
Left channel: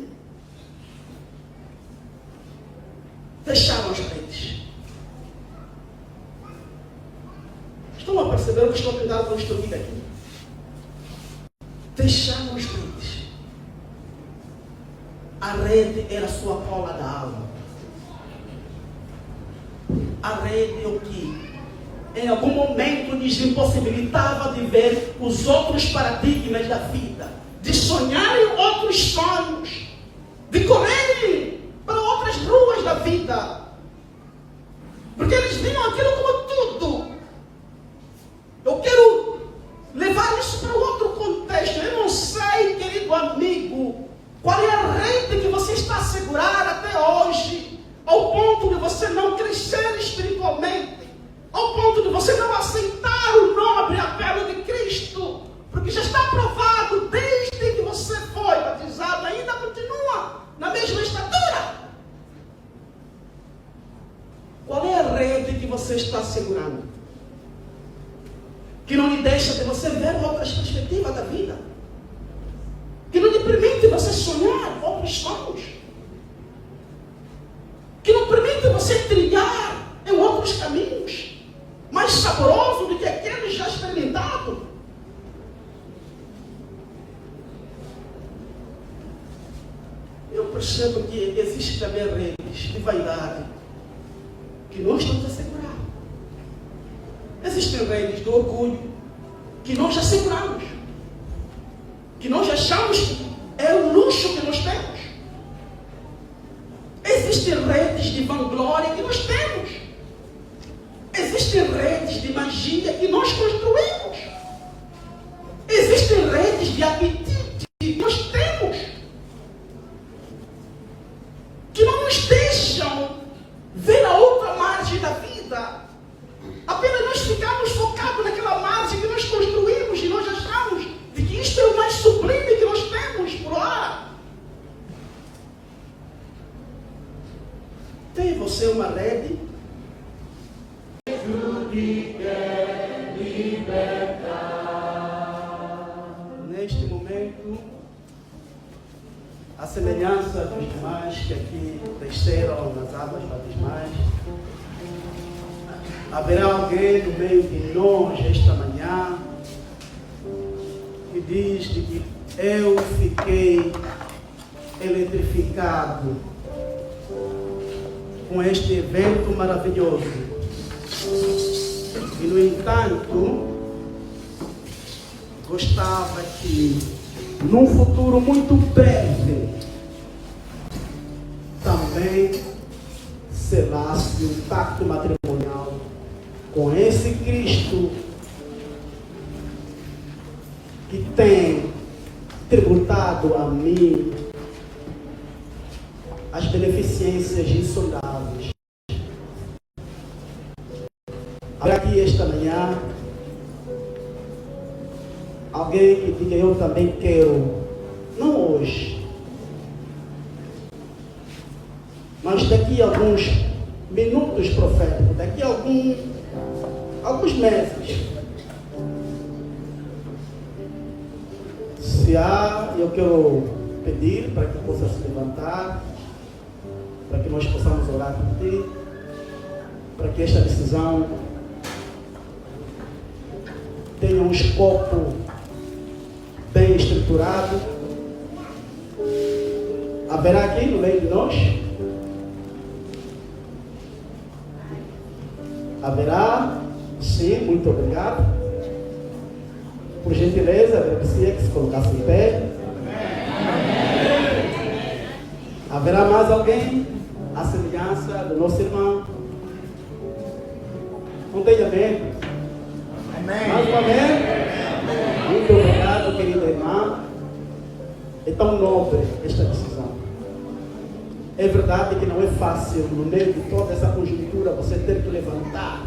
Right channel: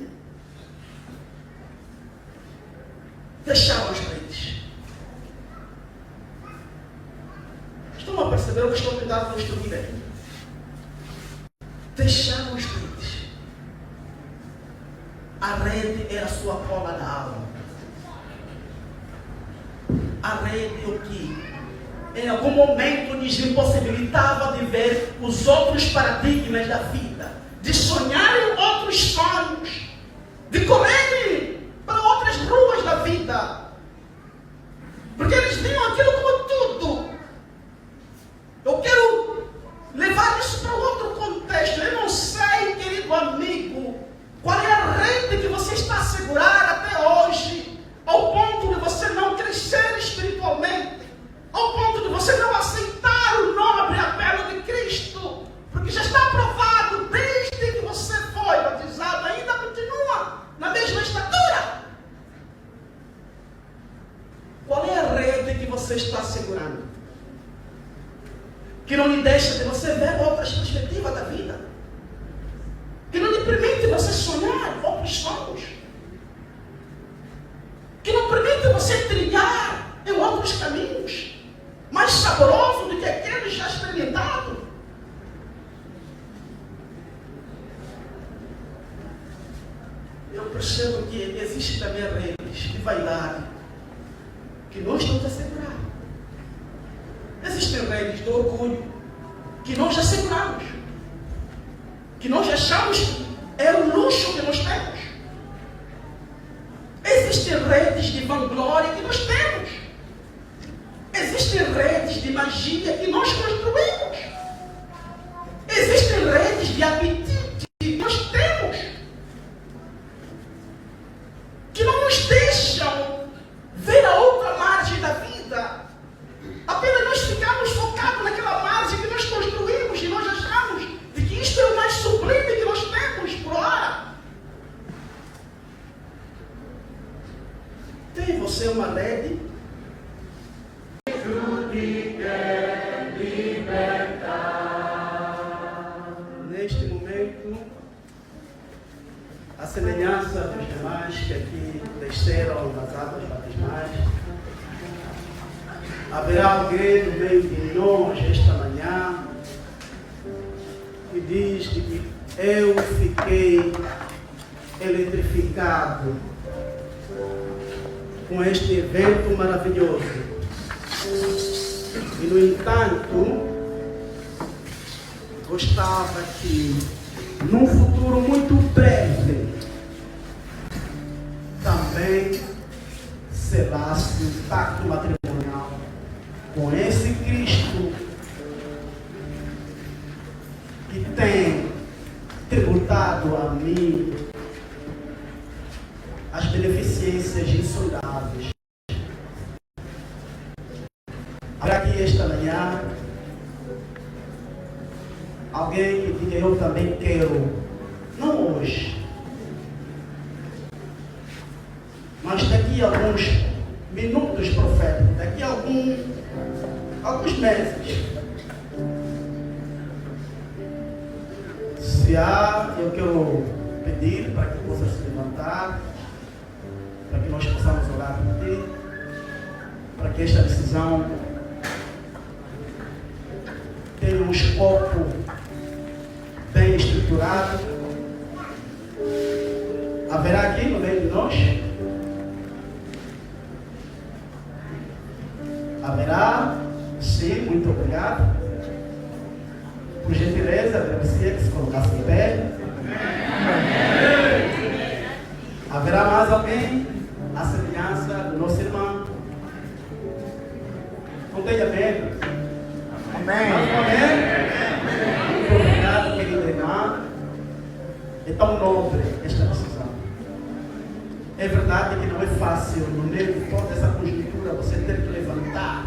Deixaram as redes. Estão a perceber o que estou tentando construir aqui? Deixaram as redes. A rede era a sua cola da alma. A rede é o que em algum momento lhes impossibilitava de ver os outros paradigmas da vida, de sonharem outros sonhos, de correrem para outras ruas da vida, porque eles viam aquilo como tudo. Eu quero levar isso para outro contexto. Eu não sei, querido amigo, qual é a rede que você está a segurar até hoje, ao ponto de você não crescer espiritualmente, ao ponto de você não aceitar o nobre apelo de Cristo, porque já está provado desde que você foi batizado, ainda continua na mesma estatura. Qual é a rede que você está segurando? Que não lhe deixa de você ver outras perspectivas da vida? Que não lhe permite você sonhar outros sonhos? Que não permite você trilhar em outros caminhos mais saborosos do que aqueles já experimentados? Eu percebo que existe também redes de vaidade que nós estamos a segurar. Existem redes do orgulho que nós já seguramos, que nós achamos que é o luxo que nós temos. Existem redes de vanglória que nós temos. Existem redes de magia que nós construímos. Existem redes de apetite que nós temos, que não nos deixam ver a outra margem da vida. Apenas nós ficamos focados naquela margem que nós construímos e nós achamos de que isto é o mais sublime que nós temos por hora. Tem você uma rede? Neste momento, a semelhança dos demais que aqui desceram nas águas batismais, haverá alguém no meio de nós esta manhã que diz de que eu fiquei eletrificado com este evento maravilhoso. E, no entanto, gostava que, num futuro muito breve, também selasse um pacto matrimonial com esse Cristo que tem tributado a mim as beneficências insondáveis. Para que esta manhã alguém que diga eu também quero, não hoje, mas daqui a alguns minutos proféticos, daqui a alguns meses, se há, eu quero pedir para que possa se levantar, para que nós possamos orar por ti, para que esta decisão tem um escopo bem estruturado. Haverá aqui no meio de nós? Haverá? Sim, muito obrigado. Por gentileza, agradecia que se colocasse em pé. Haverá mais alguém? A semelhança do nosso irmão? Não tenha medo. Amém. Amém. Muito obrigado, querida irmã. É tão nobre esta decisão. É verdade que não é fácil, no meio de toda essa conjuntura, você ter que levantar.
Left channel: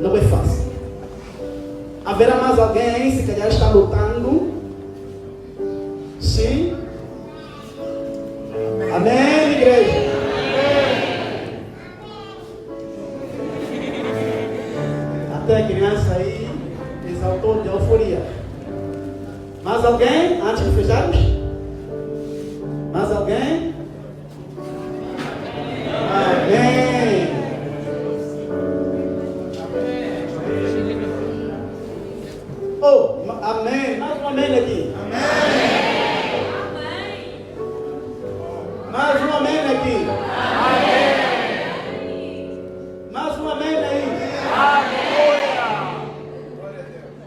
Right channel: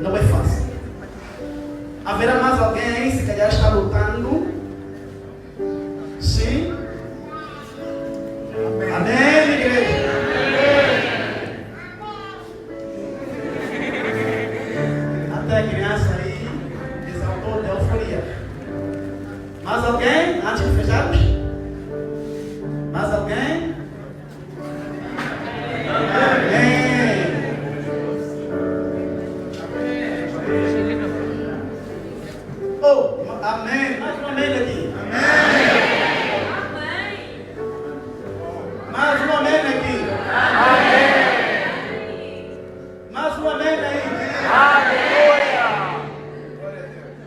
Não é fácil. Haverá mais alguém aí, se calhar está lutando? Sim? Amém, igreja? Até a criança aí exaltou de euforia. Mais alguém? Antes de fecharmos? Mais alguém? Amém. Oh, amém. Mais um amém aqui. Mais um amém aqui. Mais um amém aí.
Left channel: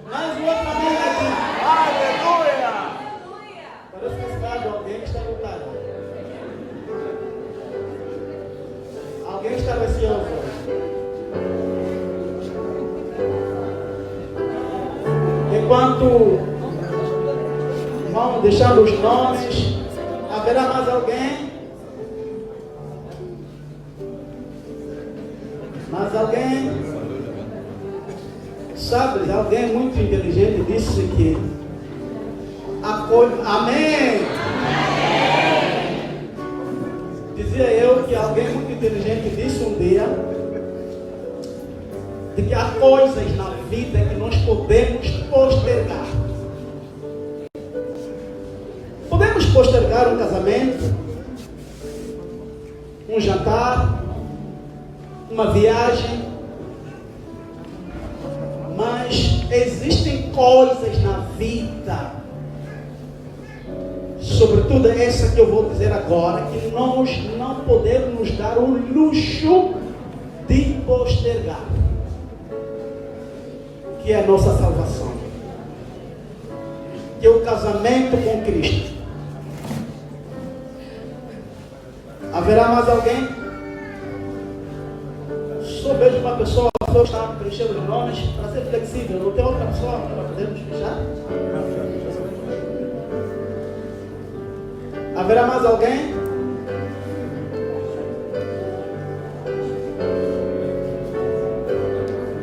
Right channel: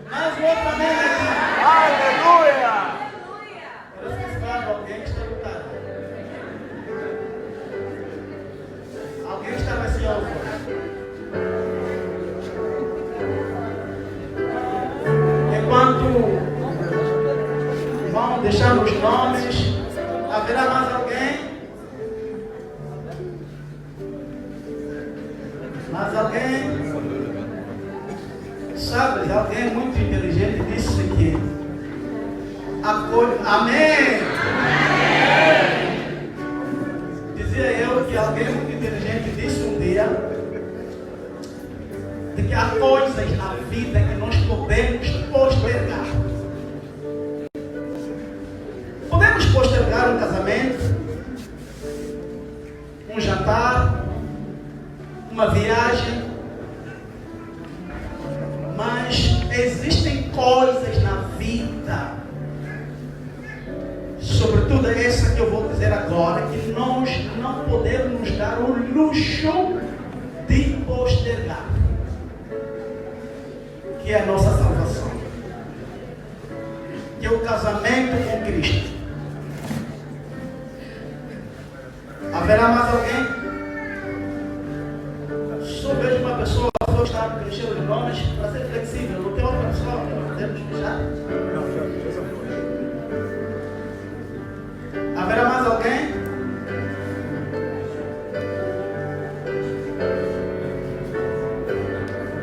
Mais um outro amém aqui. Parece que está de alguém que está lutando. Alguém que está receoso. Enquanto vão deixar os nomes, haverá mais alguém? Mais alguém? Sabe, alguém muito inteligente disse que amém. Dizia eu que alguém muito inteligente disse um dia de que há coisas na vida que nós podemos postergar. Podemos postergar um casamento, um jantar, uma viagem, mas existem coisas na vida, sobretudo essa que eu vou dizer agora, que nós não podemos nos dar o luxo de postergar, que é a nossa salvação, que é o casamento com Cristo. Haverá mais alguém? Só vejo uma pessoa, só está preenchendo os nomes para ser flexível. Não tem outra pessoa para podermos fechar? Haverá mais alguém?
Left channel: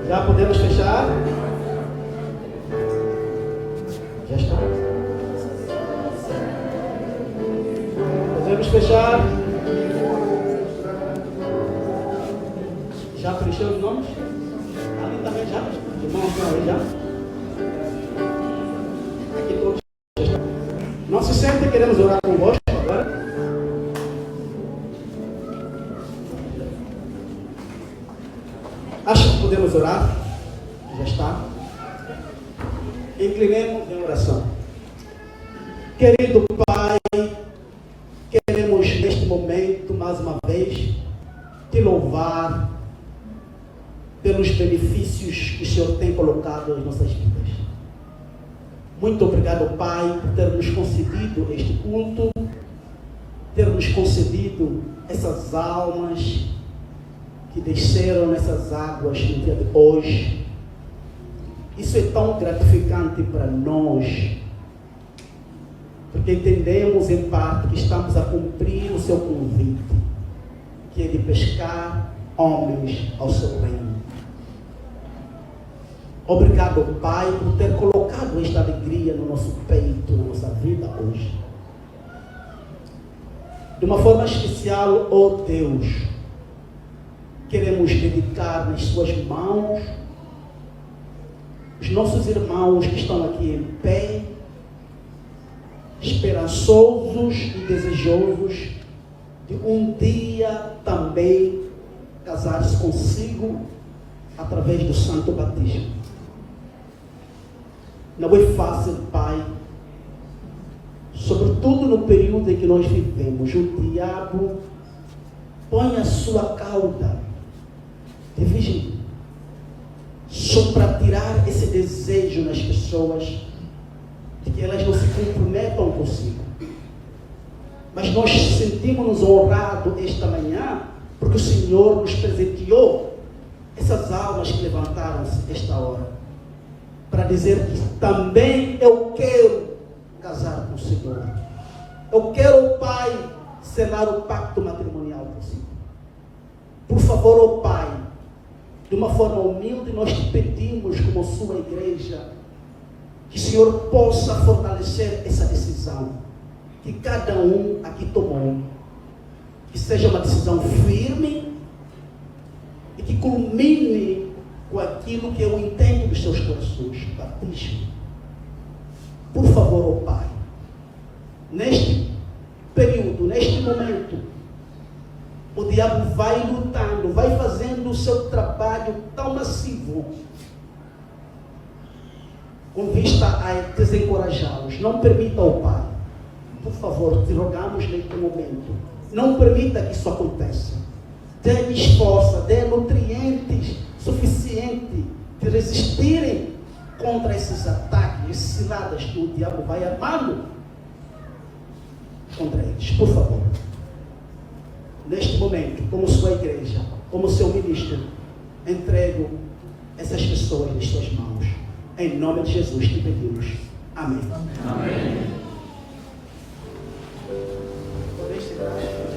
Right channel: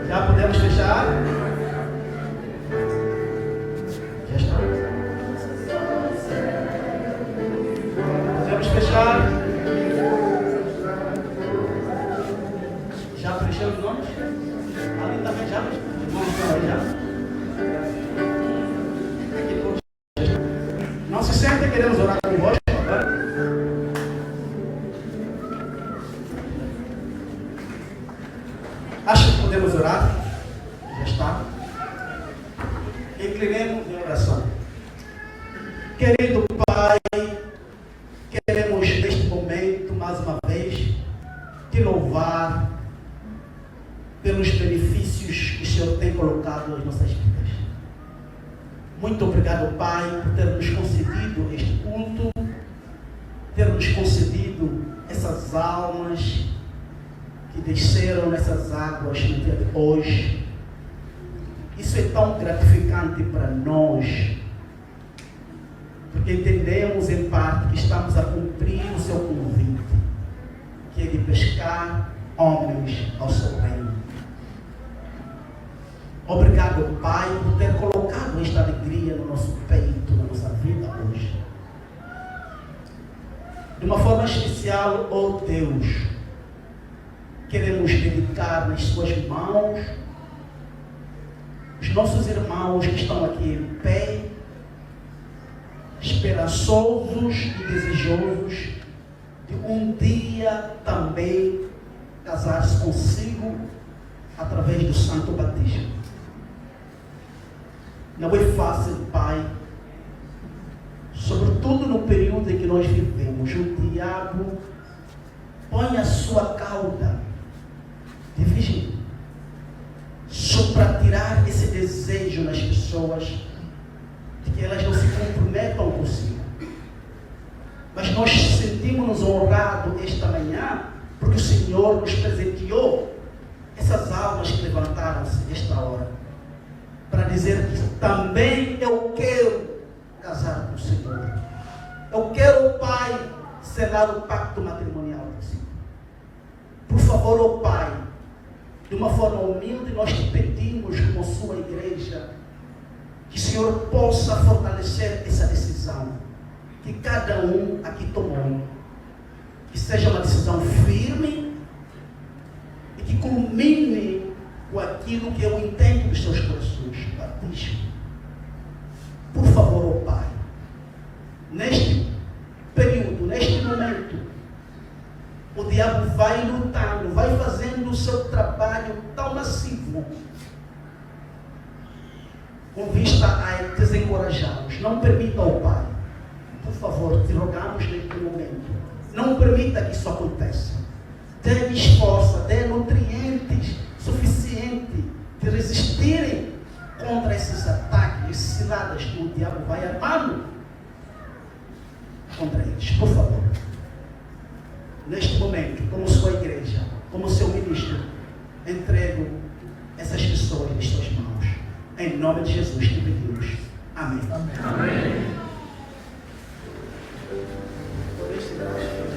Já podemos fechar? Já está. Podemos fechar? Já preencheu os nomes? Ali também já? Aqui todos já estão. Não se sentem, queremos orar convosco agora. Acho que podemos orar. Já está. Inclinemos em oração. Querido Pai, queremos neste momento, mais uma vez, te louvar pelos benefícios que o Senhor tem colocado em nossas vidas. Muito obrigado, Pai, por ter nos concedido este culto, ter nos concedido essas almas que desceram nessas águas no dia de hoje. Isso é tão gratificante para nós, porque entendemos em parte que estamos a cumprir o seu convite, que é de pescar homens ao seu reino. Obrigado, Pai, por ter colocado esta alegria no nosso peito, na nossa vida hoje. De uma forma especial, ó Deus, queremos dedicar nas suas mãos os nossos irmãos que estão aqui em pé, esperançosos e desejosos de um dia também casar-se consigo através do santo batismo. Não é fácil, Pai. Sobretudo no período em que nós vivemos, o diabo põe a sua cauda de vigília só para tirar esse desejo nas pessoas de que elas não se comprometam consigo. Mas nós sentimos-nos honrados esta manhã porque o Senhor nos presenteou essas almas que levantaram-se esta hora para dizer que também eu quero casar com o Senhor. Eu quero, Pai, selar o pacto matrimonial consigo. Por favor, ó Pai, de uma forma humilde, nós te pedimos, como sua igreja, que o Senhor possa fortalecer essa decisão que cada um aqui tomou. Que seja uma decisão firme e que culmine com aquilo que eu entendo dos seus corações, batismo. Por favor, ó Pai, neste período, neste momento, o diabo vai lutando, vai fazendo o seu trabalho tão massivo, com vista a desencorajá-los. Não permita, ó Pai, por favor, te rogamos neste momento, não permita que isso aconteça. Dê-lhes força, dê nutrientes suficientes de resistirem contra esses ataques, esses ciladas que o diabo vai armando contra eles. Por favor, neste momento, como sua igreja, como seu ministro, entrego essas pessoas em suas mãos. Em nome de Jesus te pedimos. Amém. Amém. Por este graça.